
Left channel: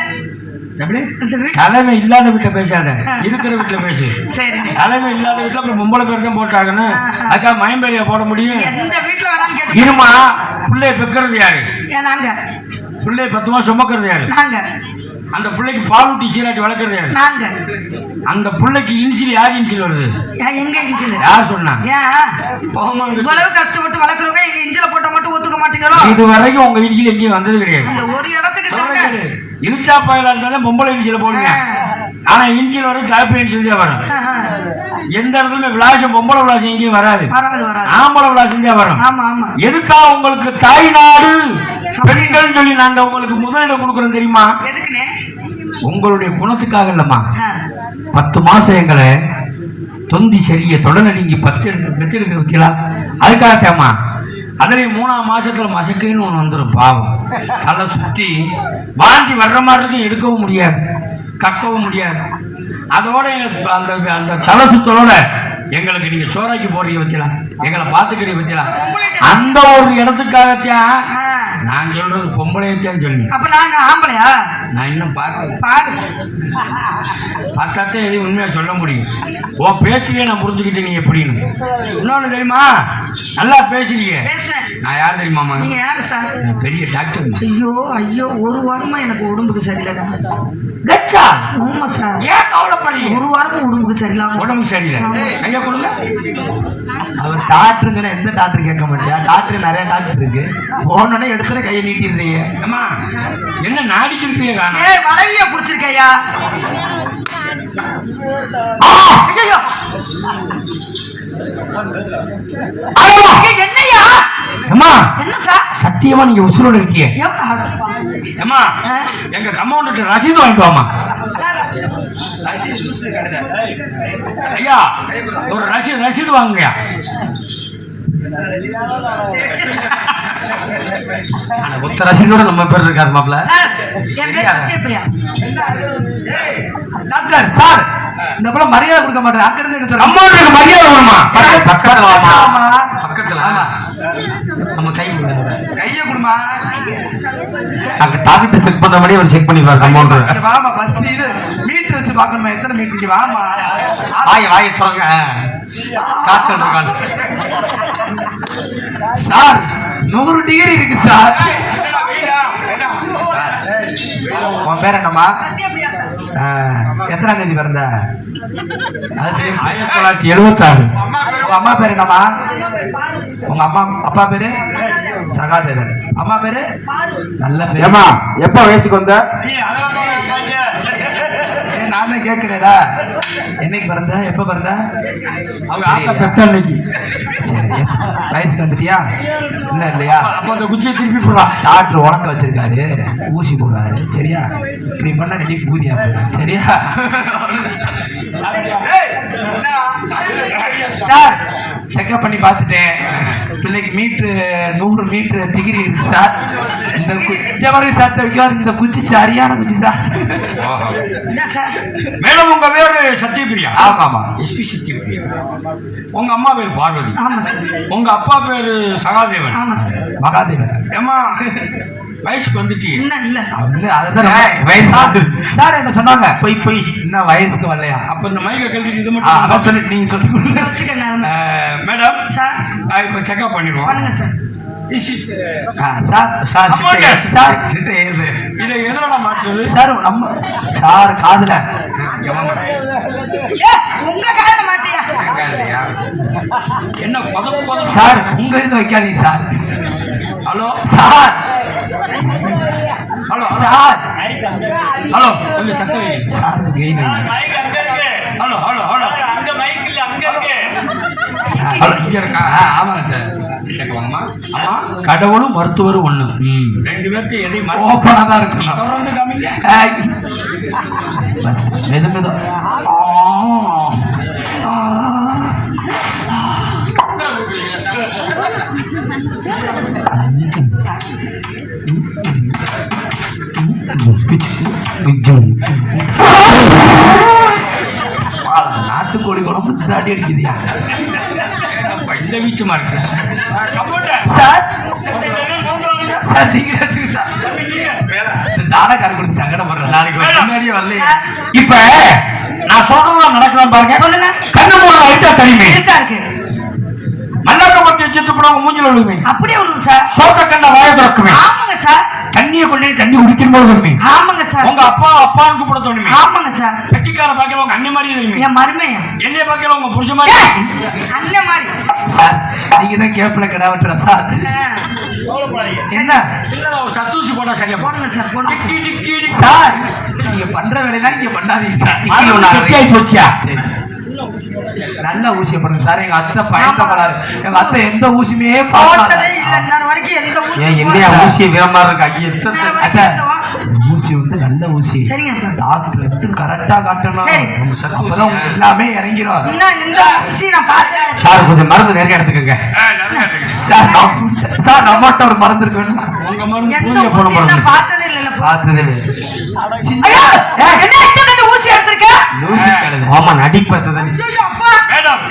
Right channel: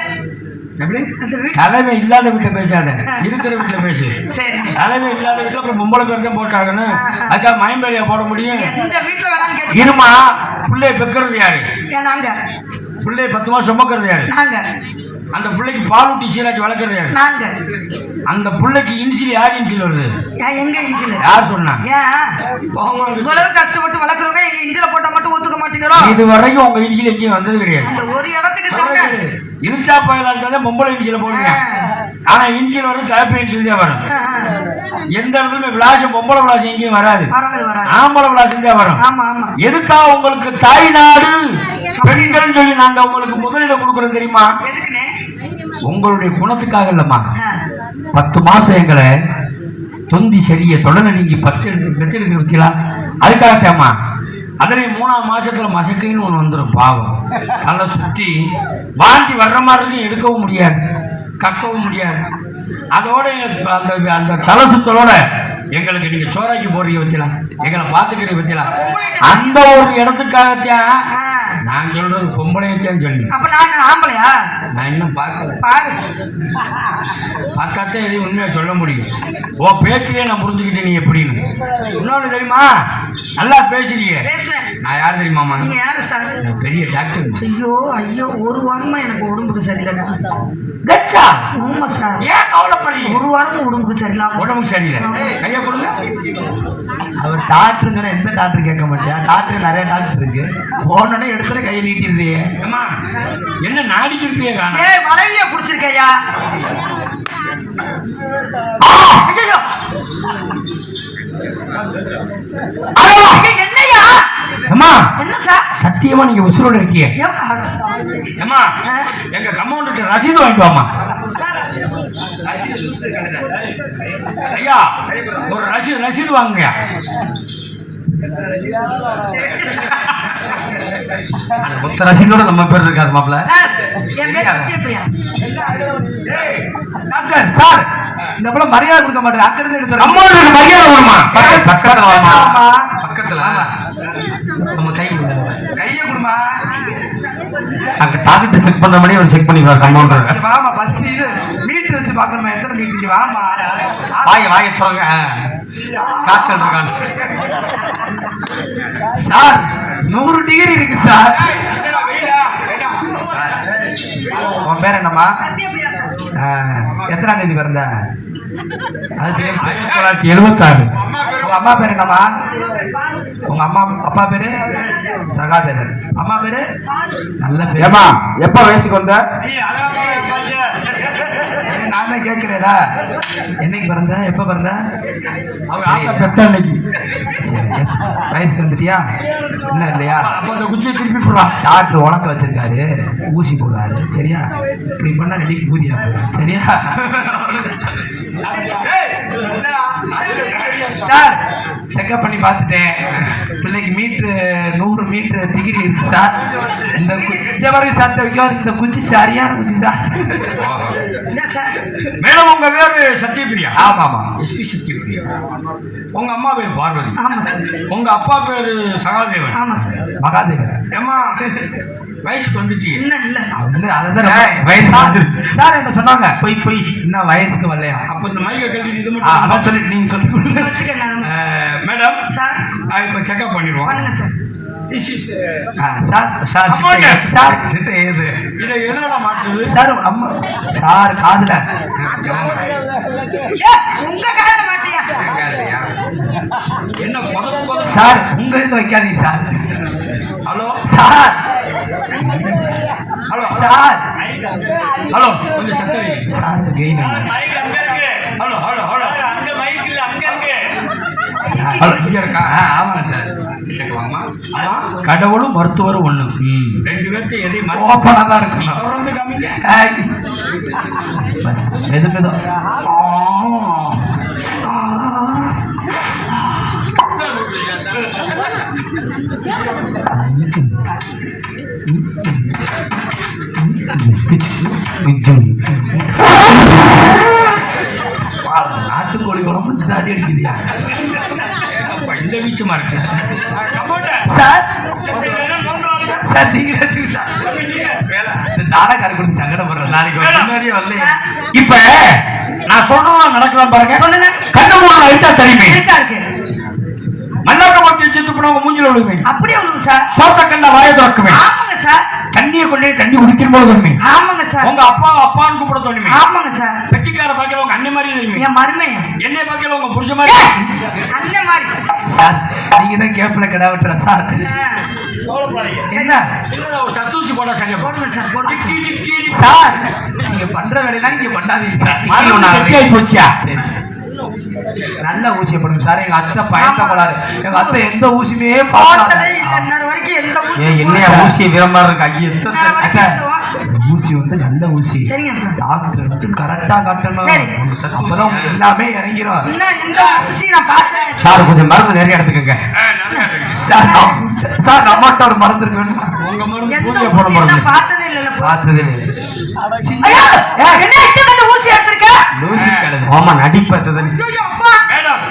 தலைமை இல்லாத வீட்டுல பேசாத, இருக்கிற வீட்டுல பேசு. தலைமை இல்லாத வீட்டுல அப்புறம் பொம்பளை பேர் தான் போட்டாங்கன்னு அதுக்காக மயம்பேரியா போட முடியும்? இருமா, பிள்ளைய பெக்கிறது யாரு? பிள்ளைய 10 மாசம் சுமக்கிறது யாரு? அந்த பிள்ளைக்கு பால் ஊட்டி சீராட்டி வளர்க்கறது யாரு? அந்த பிள்ளைக்கு இன்சில் யார் இன்சில் வருது? எங்க இன்சில்? யார் சொன்னா? இவ்வளவு கஷ்டப்பட்டு வளர்க்குறவங்க எங்க இன்சில போட்டா மட்டும் ஒத்துக்க மாட்டீங்களோ? இது வரைக்கும் உங்க இன்சில் எங்கேயும் வந்தது கிடையாது. ஒரு இடத்துக்கு இன்சா பாயிலா இருந்தாலும் பொம்பளை இன்சில போடுங்க. ஆனா இன்சில் வரும் தாப்பி இன்சில் தான் வரும். எந்த இடத்துல விளாசம் பொம்பளை விளாசம் எங்கேயும் வராது. ஆம்பளை விளாசம் தான் வரும். எதுக்கா உங்களுக்கு தாய் நாடு பெண்கள் சொல்லி நாங்க உங்களுக்கு முதலிடம் கொடுக்குறோம் தெரியுமா? உங்களுடைய குணத்துக்காக இல்லம்மா. 10 மாசம் எங்களை தொந்தி சரிய தொடர்ந்து நீங்க 10 பெற்றெடுக்கிற பத்தியா? அதுக்காகத்தேம்மா. அதுலயும் 3ஆம் மாசத்துல மசக்கைன்னு ஒண்ணு வந்துடும். பாவம் தலை சுத்தி வாந்தி வர்ற மாதிரி இருக்கும். எடுக்கவும் முடியாது, கக்கவும் முடியாது. அதோட அந்த தலை சுத்தலோட எங்களுக்கு நீங்க சோறாக்கி போடுறீங்க பத்தியா, எங்களை பாத்துக்கிறீங்க பத்தியா? அந்த ஒரு இடத்துக்காகத்தான் நான் சொல்றது பொம்பளையத்தான் சொல்லி. அப்ப நான் ஆம்பளையா? நான் இன்னும் பார்க்கல. பாரு, பார்த்தாத்தே எதையும் உண்மையா சொல்ல முடியும். ஓ பேச்சிலே நான் புரிஞ்சுக்கிட்டேன் நீ எப்படின்னு. இன்னொன்னு தெரியுமா, நல்லா பேசுறீங்க. பேசுறேன். நான் யார் தெரியுமாமா? நீங்க யாரு சார்? நான் பெரிய டாக்டர். ஐயோ ஐயோ, ஒரு வாரமா எனக்கு உடம்புக்கு சரியில்லை. உண்மை சார். ஏன் கவலைப்படுறீங்க? ஒரு வாரமும் உடம்புக்கு சரியில்லை. உடம்புக்கு சரியில்லை. கையை கொடுங்க. அவர் டாக்டருங்கன்னா எந்த டாக்டர் கேட்க மாட்டியா? டாக்டர் நிறைய டாக்டர் இருக்கு. போனோடனே எடுத்துல கையை நீட்டிடுறீங்க. அம்மா என்ன நாடிச்சிருப்பீங்க? ஏய் வளைய புடிச்சிருக்கையா? ஐயோ என்னையா? அம்மா என்ன சார்? சத்தியமா நீங்க உசுரோட இருக்கீங்க. அம்மா ஆ? எங்க கம்பவுண்டர் ரசீது வாங்கிட்டு வாமா. ஐயா ஒரு ரசீது வாங்குங்க. ரசீதோட நம்ம பேர் இருக்காரு மாப்ள. சார், என் பேர் சத்யபிரியா. டாக்டர் சார், இந்த போல மரியாதை கொடுக்க மாட்டேன். அக்கறது என்ன சொல்ற? அம்மா எனக்கு மரியாதை கொடுமா. பக்கத்துல வாமா. பக்கத்துல நம்ம கை கொடுங்க. கையை கொடுமா. அங்க டாக்டர் செக் பண்ண மாதிரி ஒரு செக் பண்ணி பாரு கம்பவுண்டர். வாமா ஃபர்ஸ்ட் இது மீட்டர் வச்சு பார்க்கணுமா? எத்தனை மீட்டர்? வாமா. வாயை சொல்லுங்க. காய்ச்சல் இருக்காங்க சார். 100 டிகிரி இருக்கு சார். உன் பேர் என்னம்மா? சத்யபிரியா சார். எத்தனாம் தேதி பிறந்த? அது தெரியும். 1976. உங்க அம்மா பேர் என்னம்மா? உங்க அம்மா அப்பா பேரு சகாதேவன். அம்மா பேரு நல்ல பேர். ஏமா எப்ப வயசுக்கு வந்த? நானே கேட்கிறேடா. என்னைக்கு பிறந்த? எப்ப பிறந்த? அன்னைக்கு. சரி, வயசுக்கு வந்துட்டியா? இன்னும் இல்லையா? அந்த குச்சியை திருப்பி போடலாம். டாக்டர் உனக்க வச்சிருக்காரு, ஊசி போடுறாரு. சரியா? இப்படி பண்ணா ரெடி ஊதியா போயிடும். சரியா? சார் செக்அப் பண்ணி பார்த்துட்டேன். பிள்ளைக்கு மீட்ரு 100 மீட்டர் டிகிரி இருக்கு சார். இந்த மாதிரி சத்த வைக்காது. இந்த குச்சி சரியான குச்சி சார். என்ன சார்? மேடம் உங்க பேரு சத்யபிரியா? ஆமாமா. எஸ்பி சத்யபிரியா. உங்க அம்மா பேர் பார்வதி. ஆமா சார். உங்க அப்பா பேரு சகாதேவன். ஆமா சார். மகாதேவன். ஏமா வயசுக்கு வந்துட்டீங்க? இன்னும் இல்ல. வயசு வந்துருச்சு சார். என்ன சொன்னாங்க? போய் இன்னும் வயசுக்கு வரலையா? அப்ப இந்த மைக்க கழுவி இது அதான் மட்டும் சொல்லிட்டு நீங்க சொல்லி நீங்க வச்சுக்கங்க. மேடம் சார் இப்போ செக்அப் பண்ணிடுவோம். பண்ணுங்க சார். சார் சார் சார் சித்த ஏது இதை எதோட மாற்றுது? சார் நம்ம சார் காதுல உங்க காதுல மாட்டியா? என்ன பதம் சார் உங்க இது வைக்காதீங்க sir. Hello sir. Hello sir. Hello கொஞ்சம் சத்தம் வைங்க. Sir gain hello hello hello அங்க மைக் இல்ல அங்க இருக்கு. ஹலோ இங்க இருக்கா? ஆமாங்க சார். வாங்கம்மா. அம்மா கடவுளும் மருத்துவரும் ஒண்ணு. ரெண்டு பேர்த்து எதையும் ஓப்பனா தான் இருக்கு. தொடர்ந்து காமிங்க. மெது மெது. நாட்டுக்கோழி குழம்பு தாடி அடிக்குதியா? இந்த வீச்சமா இருக்கு சார். சார் நீங்க வச்சுங்க சார். தானக்கார கொடுத்து சங்கடப்படுறேன். நாளைக்கு முன்னாடியே வரலையே. இப்ப நான் சொல்றதெல்லாம் நடக்கலாம் பாருங்க. சொல்லுங்க. கண்ணு அழிச்சா தெரியுமே. இருக்கா இருக்கு. மல்லாட்ட பத்தி செத்து போனவங்க மூஞ்சில விழுமே. அப்படியே விழுங்க சார். சோத்த கண்ண வாய திறக்குமே. ஆமாங்க சார். தண்ணியை கொண்டே தண்ணி குடிக்கிற போது வருமே. ஆமாங்க சார். உங்க அப்பா அப்பான்னு கூப்பிட தோணுமே. ஆமாங்க சார். பெட்டிக்கார பாக்கல உங்க அண்ணன் மாதிரி தெரியுமே. என் மருமையா? என்னைய பாக்கல உங்க புருஷ மாதிரி. அண்ணன் மாதிரி. சார் நீங்க தான் கேப்ல கடை வெட்டுற சார். என்ன சின்னதா ஒரு சத்தூசி போட சரியா போடுங்க சார். போடுங்க டிக்கி டிக்கி சார். நீங்க பண்ற வேலையெல்லாம் நீங்க பண்ணாதீங்க சார். கெட்டியாயி போச்சியா? சரி நல்ல ஊசியை போடுங்க சார். எங்க அத்தை பயந்த போலாரு. எங்க அத்தை எந்த ஊசியுமே போட்டதே இல்ல. இன்னொரு வரைக்கும் எந்த ஊசி என்னையா ஊசி விரமா இருக்கு ஐயா? இன்னொரு வரைக்கும் எந்த ஊசி வந்து நல்ல ஊசி. சரிங்க டாக்டர் கரெக்டா காட்டணும். சரி. அப்பதான் உங்களுக்கு எல்லாமே இறங்கிடும். இன்னும் இந்த ஊசி நான் பார்த்தேன். சார் கொஞ்சம் மருந்து நிறைய எடுத்துக்கங்க. சார் சார் நம்மகிட்ட ஒரு மருந்து இருக்கு வேணுமா? உங்க மருந்து எந்த பூஜை ஊசி போட மருந்து நான் பார்த்ததே இல்ல. பார்த்தது இல்லை. ஐயா, என்ன இஷ்டத்துக்கு ஊசி எடுத்திருக்க? ஊசி கிடையாது. ஆமா நடிப்பது. ஐயோ அப்பா. மேடம்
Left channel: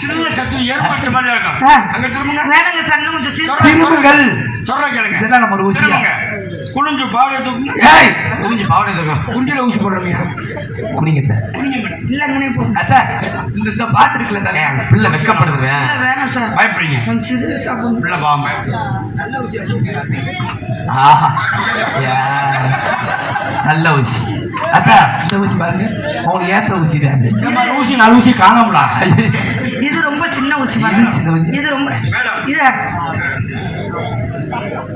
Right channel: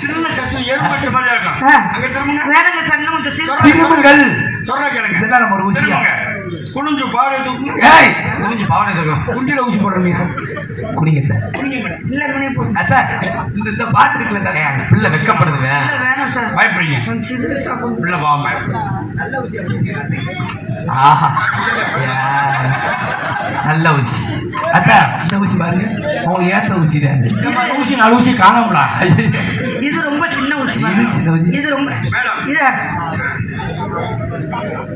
சின்ன சத்து ஏற்பட்ட மாதிரி இருக்கும். அங்க திரும்புங்க. வேலைங்க சன்னமுத்து திரும்புங்கள். சொல்ற கேளுங்க. இதெல்லாம் நம்ம ஒரு ஊசியா. குனிஞ்சு பாவடை தூக்கு. ஏய் குனிஞ்சு பாவடை தூக்கு. குண்டில ஊசி போடுறீங்க. குனிங்க சார். குனிங்க மேடம். இல்லங்கனே போ. அத்தா இந்த பாத்து இருக்குல சார். பிள்ளை வெக்கப்படுதுங்க. இல்ல வேணாம் சார். பயப்படுறீங்க. கொஞ்சம் சீரியஸா போங்க. பிள்ளை பாவம். நல்ல ஊசியா. ஆஹா. நல்ல ஊசி. அத்தா இந்த ஊசி பாருங்க. உங்களுக்கு ஏத்த ஊசி தான். ஊசி நாலு ஊசி காணாமலா? இது ரொம்ப சின்ன ஊசி இது சின்ன ஊசி. இது ரொம்ப மேடம். இது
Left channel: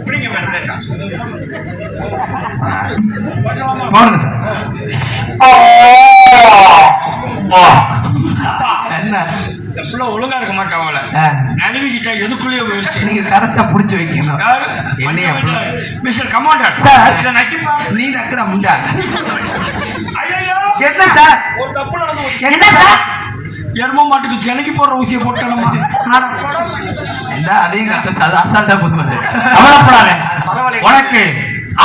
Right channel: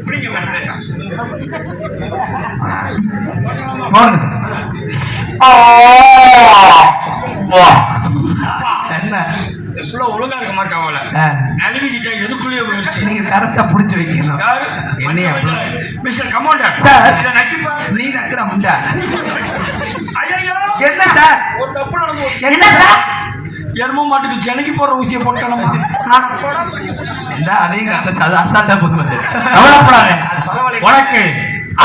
குனிங்க மேடம். போடுங்க சார். என்ன இந்த புள்ள ஒழுங்கா இருக்க மாட்டாங்கள. நழுவிக்கிட்டா எதுக்குள்ளேயே போயிடுச்சு. நீங்க கரெக்டா புடிச்சு வைக்கணும். என்னையா மிஸ்டர் கமாண்டர் சார். இதை நக்கிப்பா. நீ நக்கிற முண்டா. ஐயோ என்ன சார்? ஒரு தப்பு நடந்து போச்சு. என்ன சார்? எரும மாட்டுக்கு சென்னைக்கு போற ஊசியை போட்டோமா? அதையும் அசால்ட்டா போட்டு கவலைப்படாதே. உனக்கு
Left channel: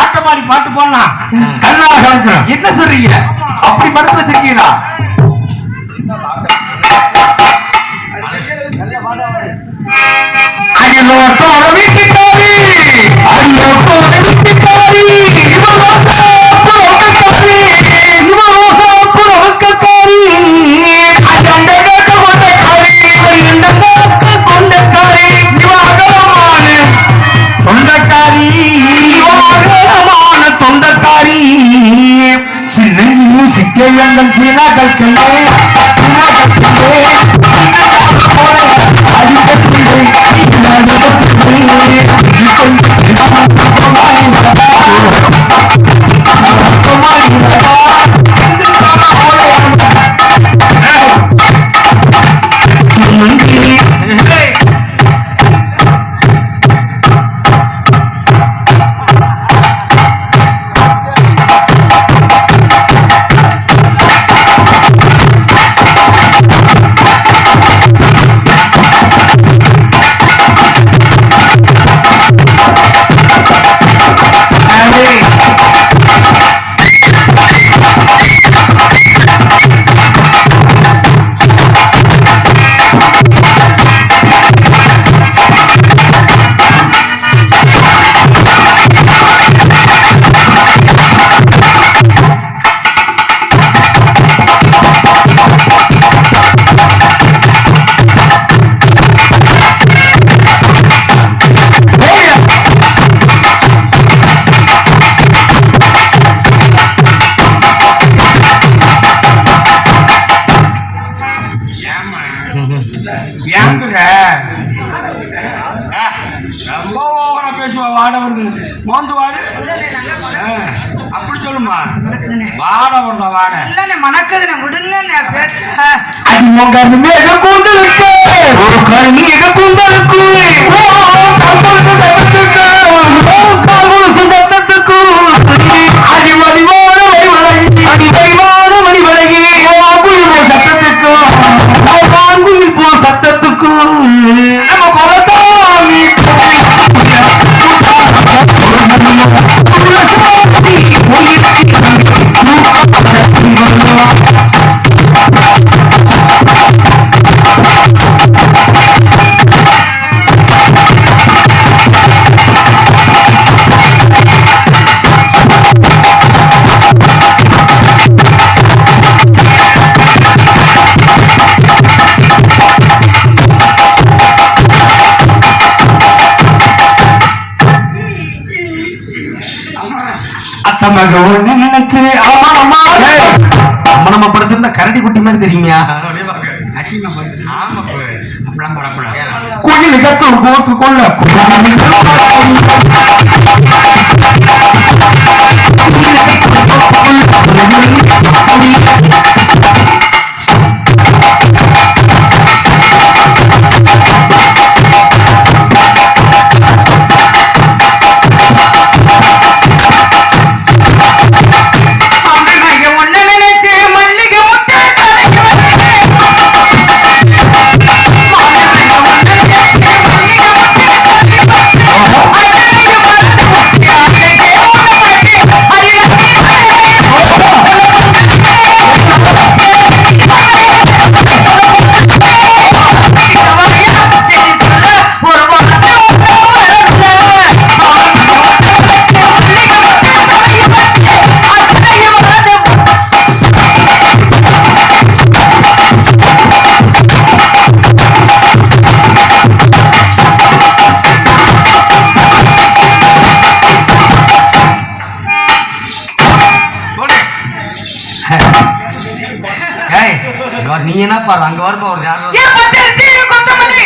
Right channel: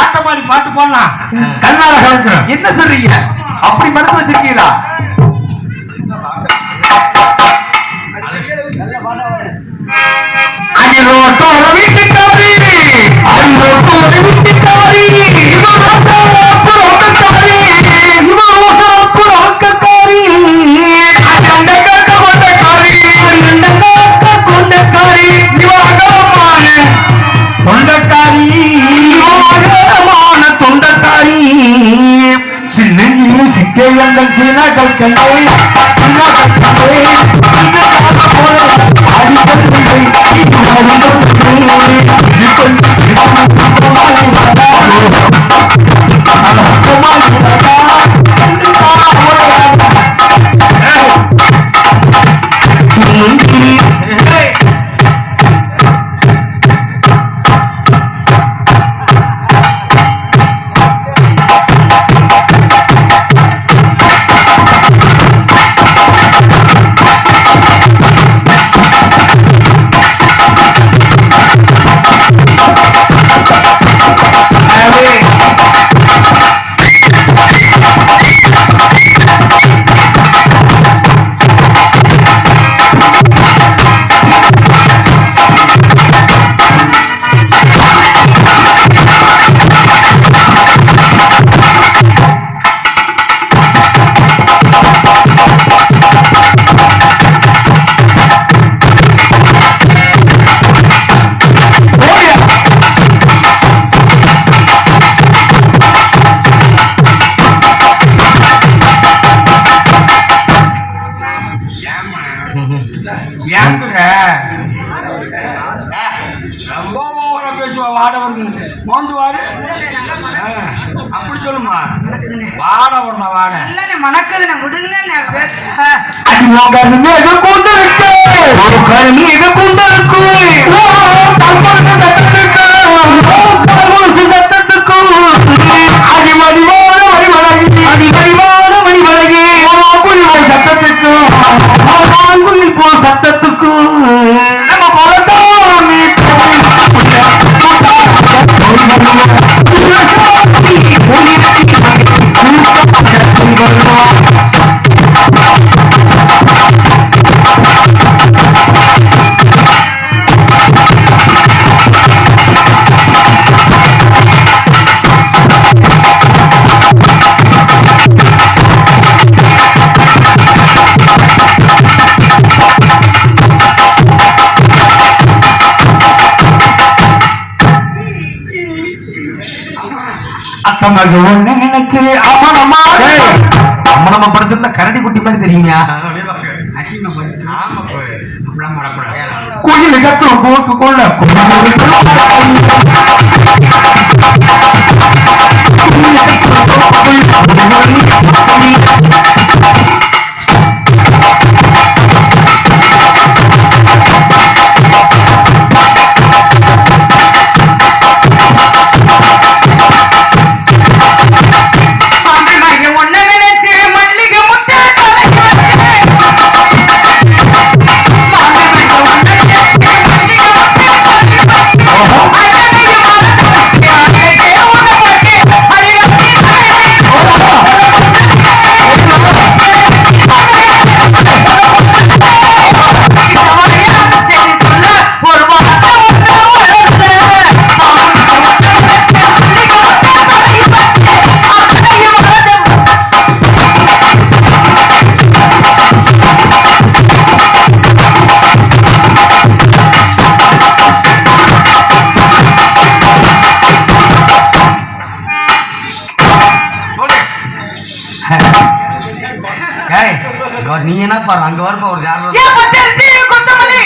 ஆட்டமாடி பாட்டு போனா கண்ணால கழிச்சிடும். என்ன சொல்றீங்க? அப்படி மறந்து வச்சிருக்கீங்களா? வீட்டுக்காரி தொண்டக்காரி சின்ன சிக்கையங்கள் சீனாக்கள் ரொம்ப ஓவரா பேசுவா. வாடவர் மோந்து வாடு. அப்படி சொல்லுமா. வாடவர் தான் வாட. இல்ல மணக்குதுன்னு விடுங்க பேச்ச. சத்தத்துக்கும் அம்மனம்மா படுத்திருந்தா கரடி குட்டி மாதிரி தெரியுமியா? கோயில் கத்து போட்டு கொள்ள ஏன் பச்சரிசி கொத்தமல்லி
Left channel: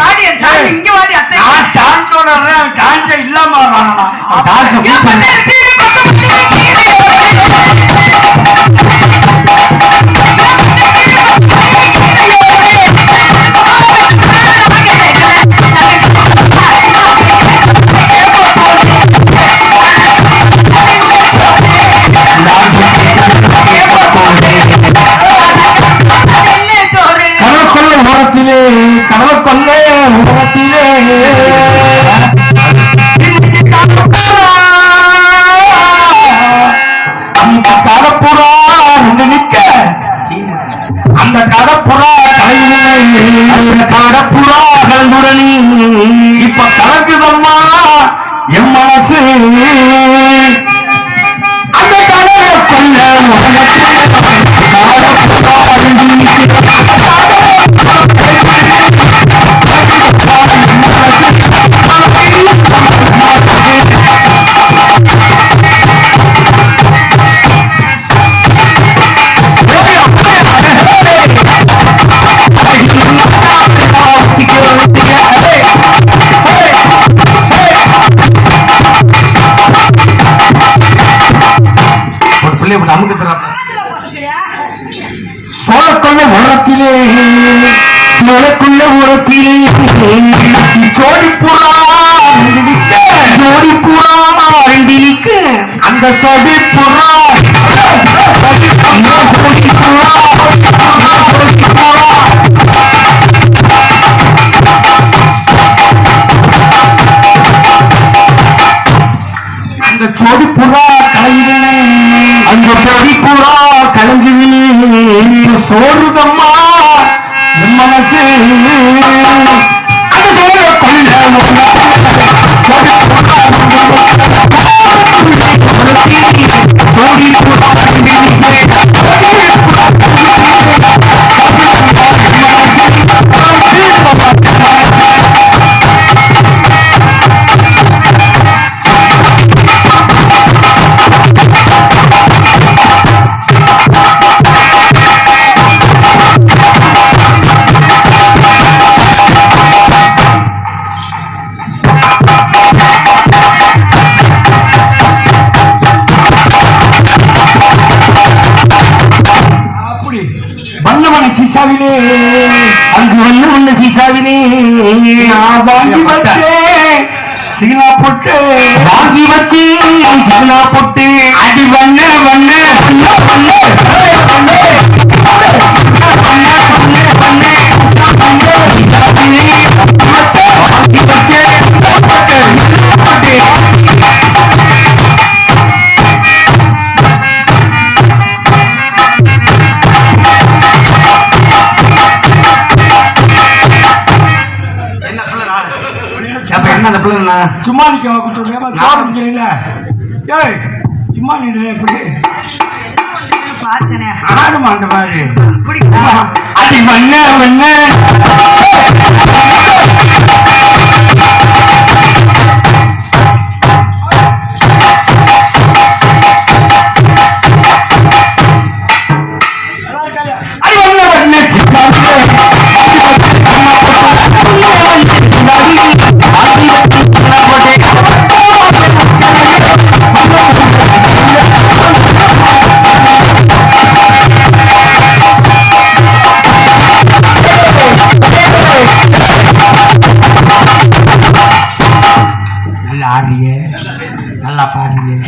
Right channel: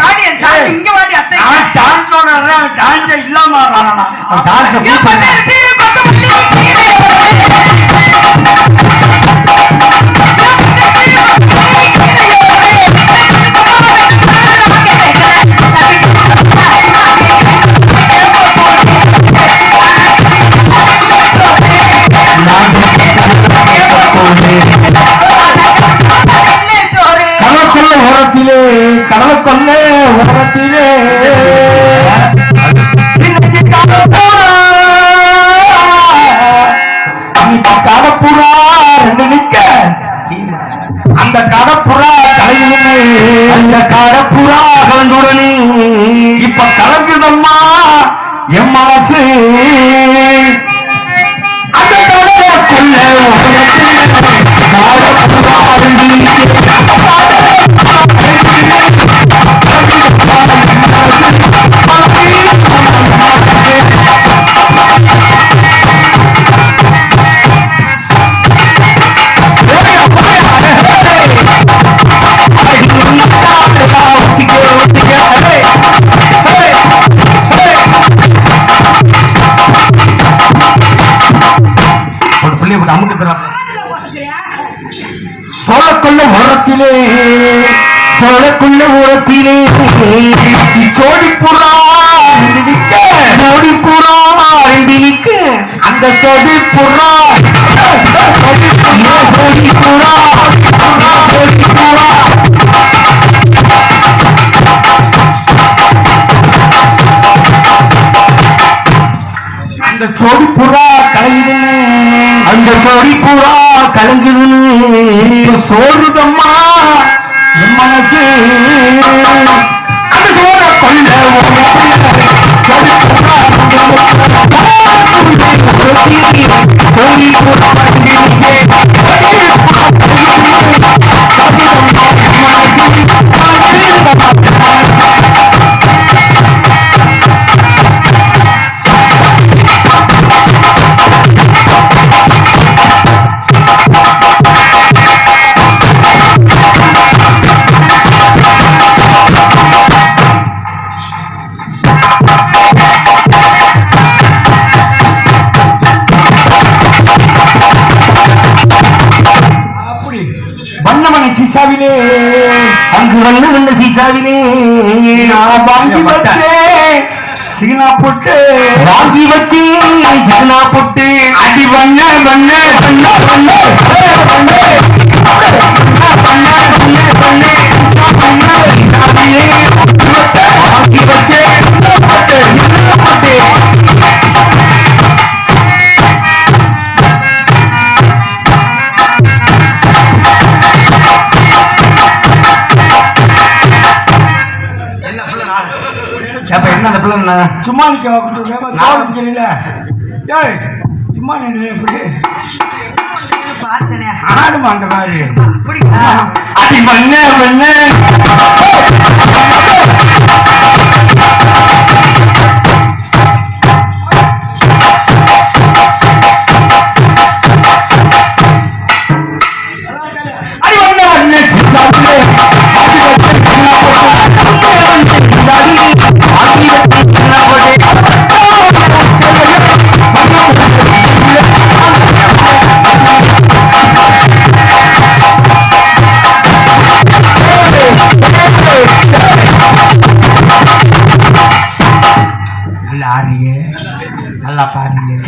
வாடி சாமி இங்க வாடி அத்தை நான் டான்ஸோட டான்ஸ் இல்லாம ஆடுறானா ஏன் பச்சரிசி கொத்தமல்லி கடவுள் உலகத்திலே கடப்புறா ரெண்டு நிக்க அந்த கடப்புறா கலைஞனே அந்த கடப்புறா கலந்துடனே இப்ப கலங்குதம்மா என் மனசு அந்த கடலை கொல்ல உலகத்திலே கடப்புறா ரெண்டு நிக்க சோழக்குள்ள உரத்திலே சோழக்குள்ள உரத்திலே சோடிப்புறா சோடிப்புறா ரெண்டினிக்க அந்த சோடிப்புறா சோடிப்புறா சோடிப்புறா அந்த சோடிப்புறா கலைஞனே அந்த சோடிப்புறா கலைஞனே சோறுதம்மா என் மனசு அந்த சோழ கொள்ள சீசாவிலே அங்கு வந்து உள்ள சீசாவிலே நான் வாங்கி வச்சேன் சீனா போட்டு வாங்கி வச்சு சீனா போட்டு அடி வண்ண வண்ண வண்ண வண்ண வாங்கி வச்சேன் போட்டு சும்மா நிக்க சும்மா நின்று எப்படி ஆடுமா அந்த மாதிரி அடி வண்ண வண்ண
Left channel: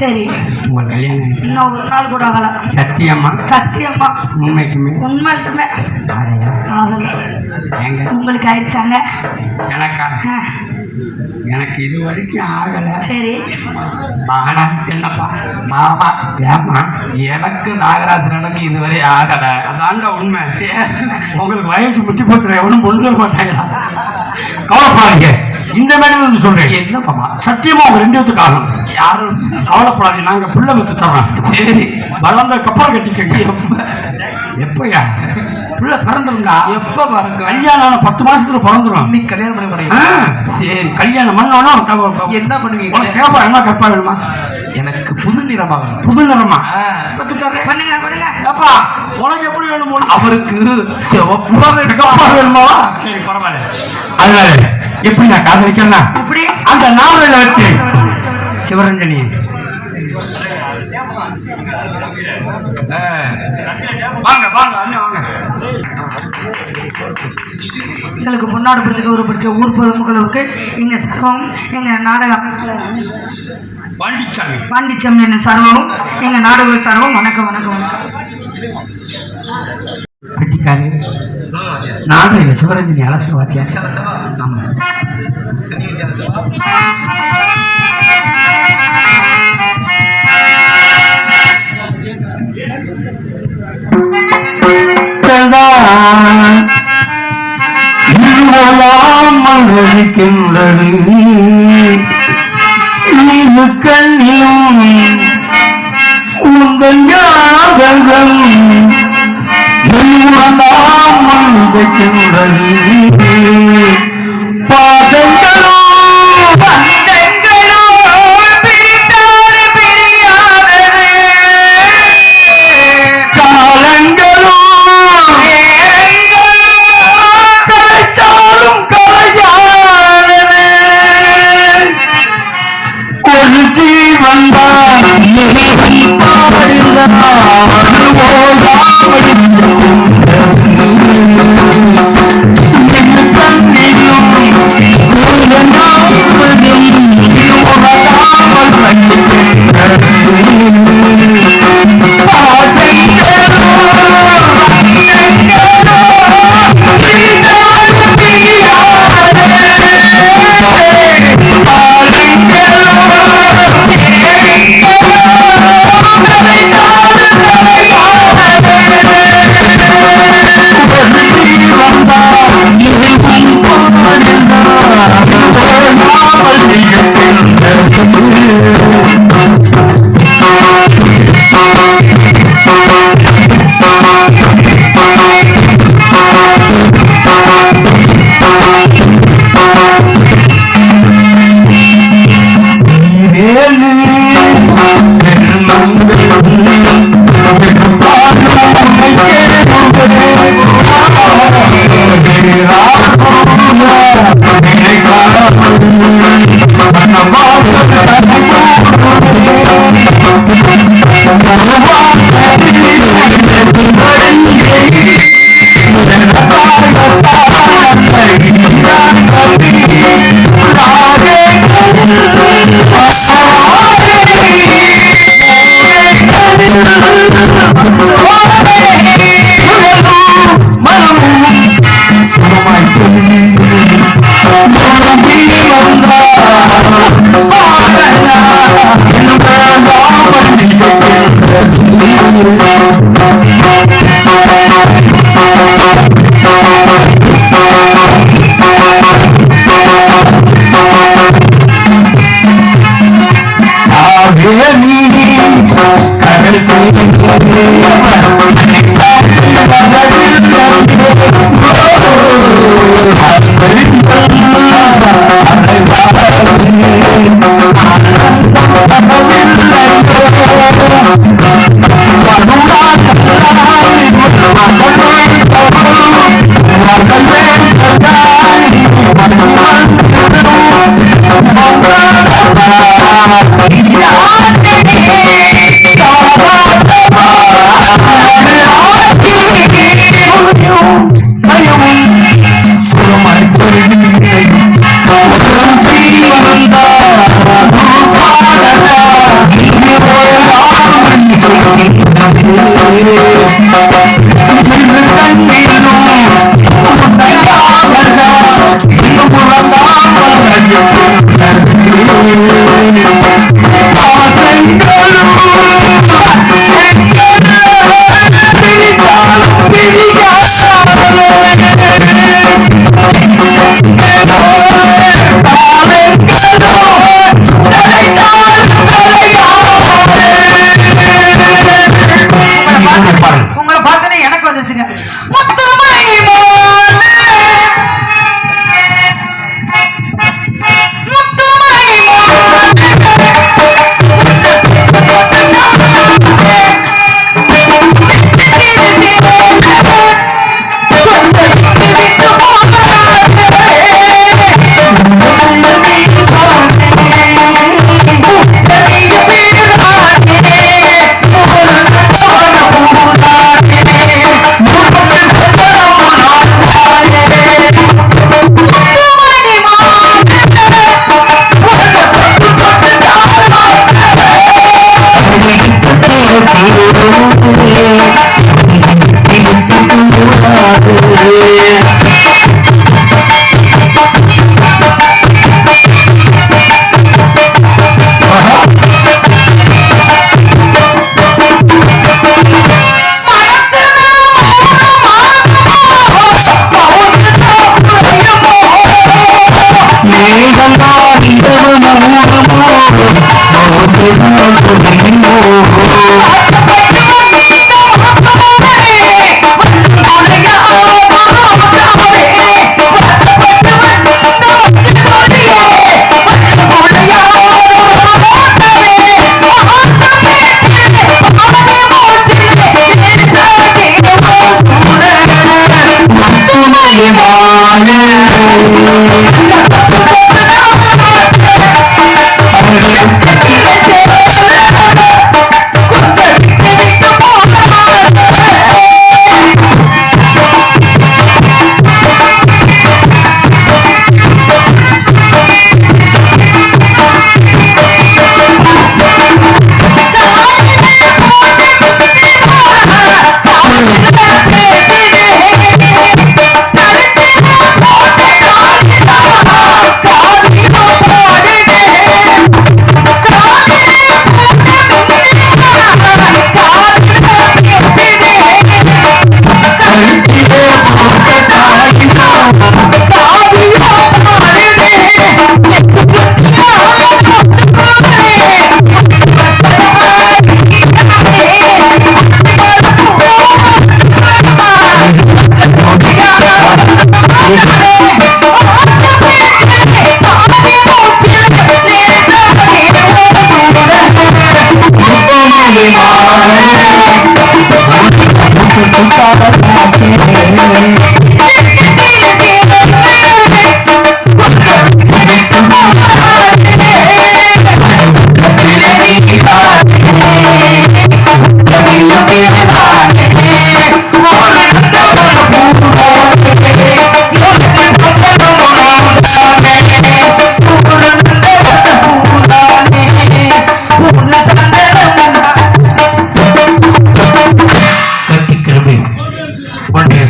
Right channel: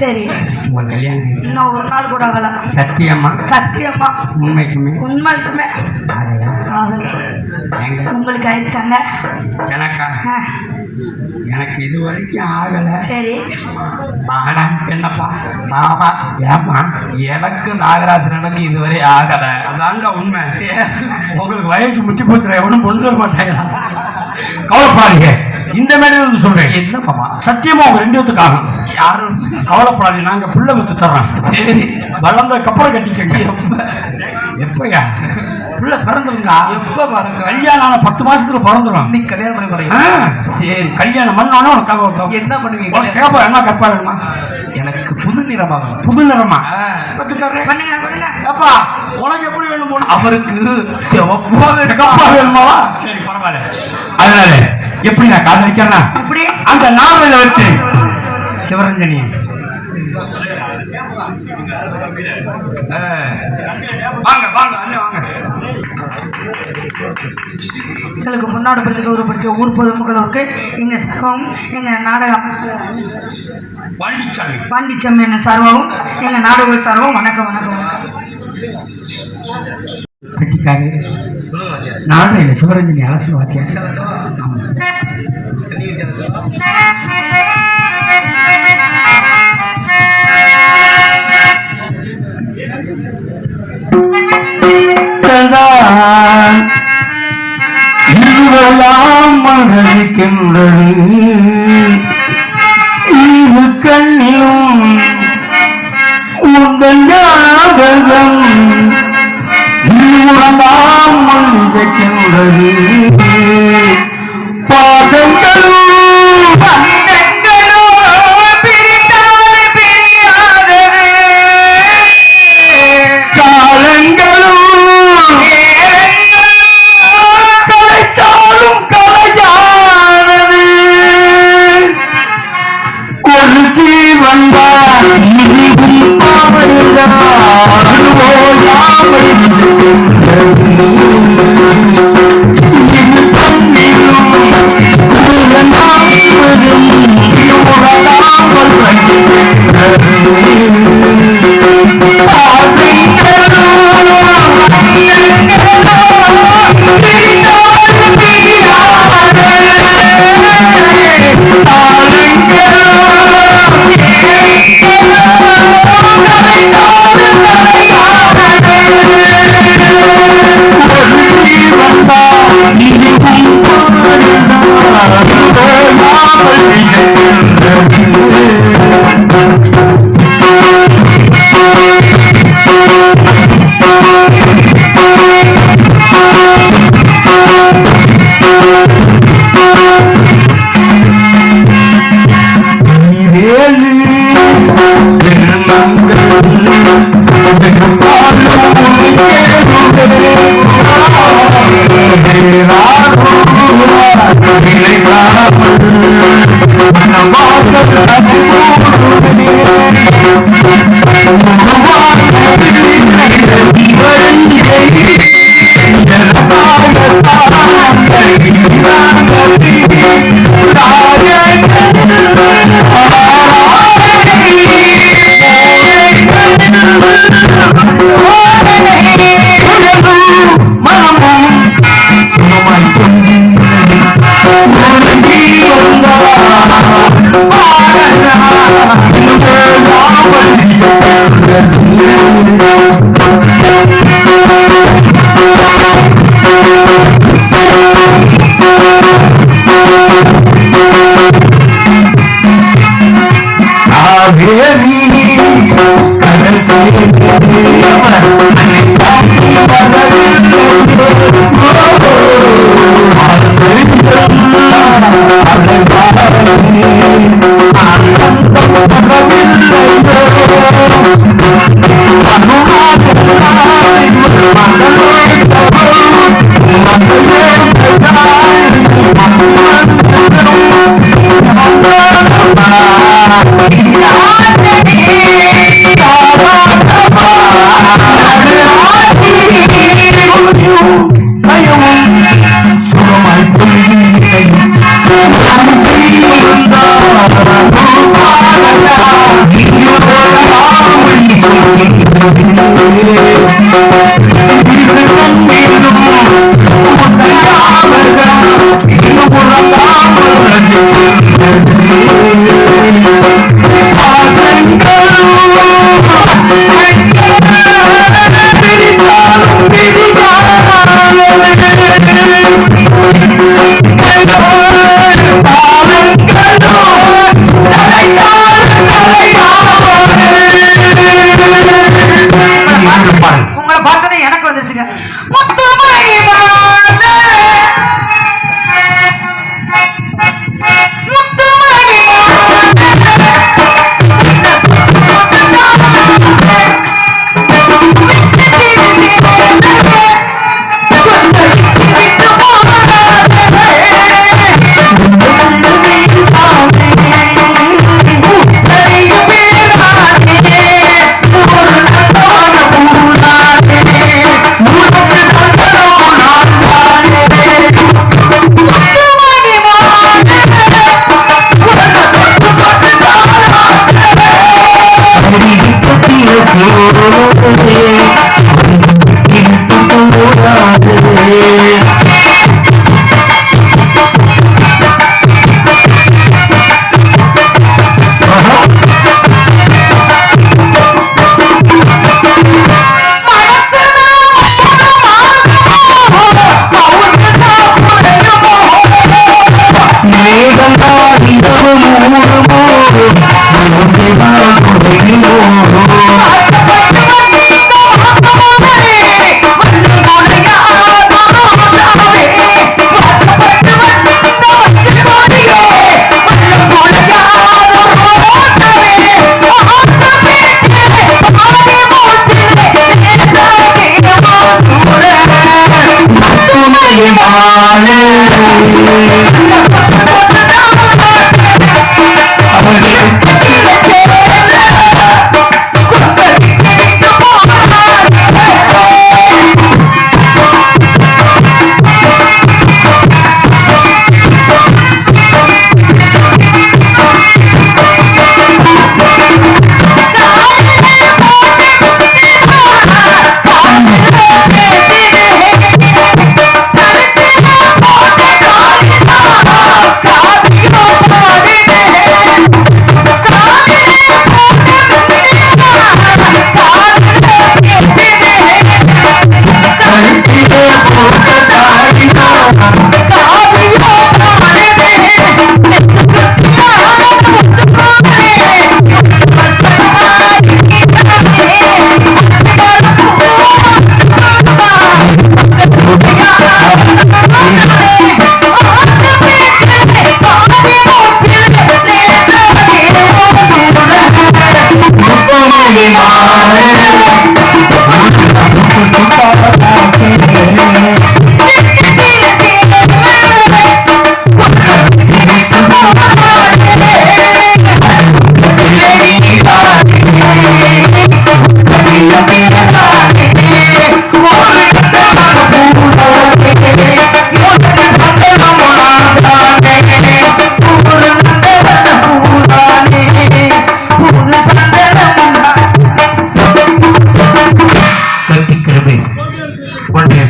சரி உங்க கல்யாணம் இன்னும் ஒரு நாள் கூட ஆகல சத்தியம்மா சத்தியம்மா உண்மைக்குமே உண்மைக்குமே உங்களுக்கு ஆயிடுச்சாங்க எனக்கா எனக்கு இது வரைக்கும் ஆகல சரி ஆனா என்னப்பா மாமா ஏமா எனக்கு நாகராஜனுக்கு இதுவரை ஆகல அதாங்க உண்மை உங்களுக்கு வயசு முத்தி போச்சுற எவனும் பொண்ணு சொல்ல மாட்டாங்களா கவலைப்படாதீங்க இந்த மாதிரி வந்து சொல்றேன் என்னப்பா சத்தியமா அவங்க ரெண்டு பேத்துக்கு ஆகும் யாரும் கவலைப்படாதீங்க நாங்க பிள்ளை வித்து தர்றோம் சரி வளர்ந்த கப்பல் கட்டிக்கங்க எப்பயா பிள்ளை பிறந்துருந்தா எப்ப பாருங்க கல்யாணம் 10 மாசத்துல பிறந்துரும் நீ கல்யாணம் பண்ண போறீங்க சரி கல்யாணம் பண்ணாலும் என்ன பண்ணுவீங்க சேப்பர் என்ன கற்பா வேணுமா எனக்கு புது புது நிறமா பண்ணுங்க பண்ணுங்க. அப்பா உனக்கு எப்படி வேணும் போல? அவருக்கு சிவப்பா வேணுமா? சரி பரவாயில்ல. அதனால எப்படி நான் காது வைக்கிறேன் எப்படி அந்த நாவல வச்சு சிவரஞ்சனி வாங்க வாங்க அண்ணன் வாங்க. எங்களுக்கு முன்னாடி பிடிச்ச ஒரு பிடிச்ச ஊர் பொதுமக்களுக்கு எங்க சர்வம் எங்க நாடகம் பாண்டிச்சாமி என்ன சர்வம் எங்க நாடக சர்வம் வணக்கம் வணக்கம் வணக்கம். கட்டிக்காரு நாடக சிவரஞ்சனி அலசு வாக்கியா. ஆமா மகிழ்கின்றது கண்ணியும் உங்கள் ஞாபகம் மகிழ்கின்றது பாசங்களும்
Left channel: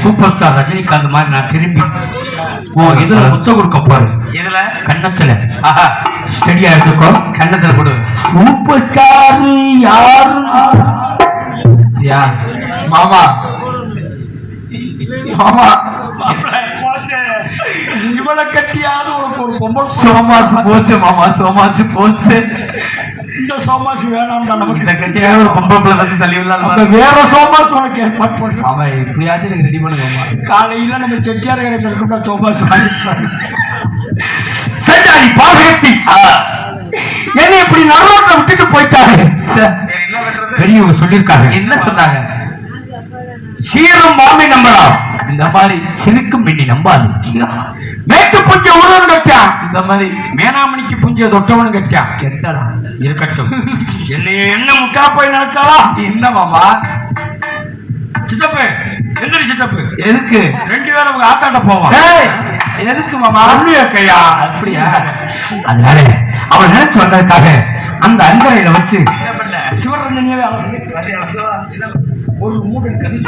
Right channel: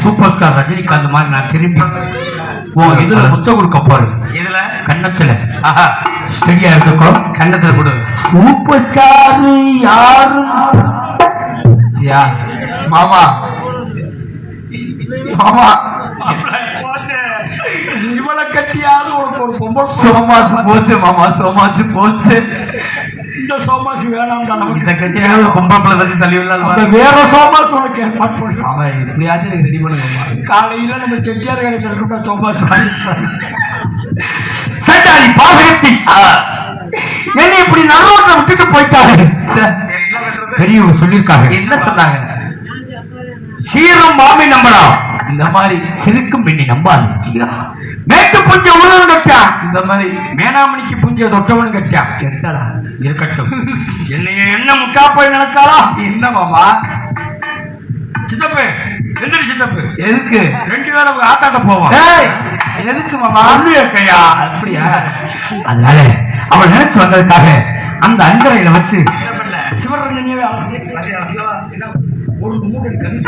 சூப்பர் ஸ்டார் ரஜினிகாந்த் மாதிரி நான் திரும்பி இதுல முத்த கொடுக்க போறேன். இதுல கன்னத்துல சரியா இருக்கும். கன்னத்துல கொடு. சூப்பர் ஸ்டார் யாரு? மாமா மாமா இவளை கட்டியாவது உனக்கு ஒரு பொம்பளை சோமாசு போச்சு மாமா, சோமாசு போச்சு. இந்த சோமாசு வேணாம்டா நமக்கு. இதை கட்டியாவது ஒரு பொம்பளை பிள்ளை தள்ளி தள்ளி அந்த வேற சோமாசு உனக்கு ஏற்பாடு பண்ணுறேன். ஆமா, இப்படியாச்சும் எனக்கு ரெடி பண்ணுவேன். காலையில நம்ம செட்டியார் கடையில் இருக்கா சோமாசு சட்டாரி பாவகத்தி என்ன இப்படி நரோட்டை விட்டுட்டு போயிட்டாரு. பெரியவங்க சொல்லியிருக்காங்க. என்ன சொன்னாங்க? சீரம் மாமி நம்பலாம், இந்த மாதிரி சிறுக்கும் பெண்ணி நம்பாது. மேட்டு புஞ்ச உணவு கட்டா, இந்த மாதிரி மேனாமணிக்கு புஞ்ச தொட்டவனு கட்டா. கெட்டடா இருக்கட்டும். என்னைய என்ன முட்டா போய் நினைச்சாலா? என்ன மாமா? சித்தப்பு எந்திரி. சித்தப்பு எதுக்கு? 2 பேரும் அவங்க ஆத்தாட்ட போவான். எதுக்கு மாமா? கையா அப்படியா? அதனால அவள் நினைச்சு வந்ததுக்காக அந்த அஞ்சரையில வச்சு சிவரஞ்சனியவே ஒரு 3 கணி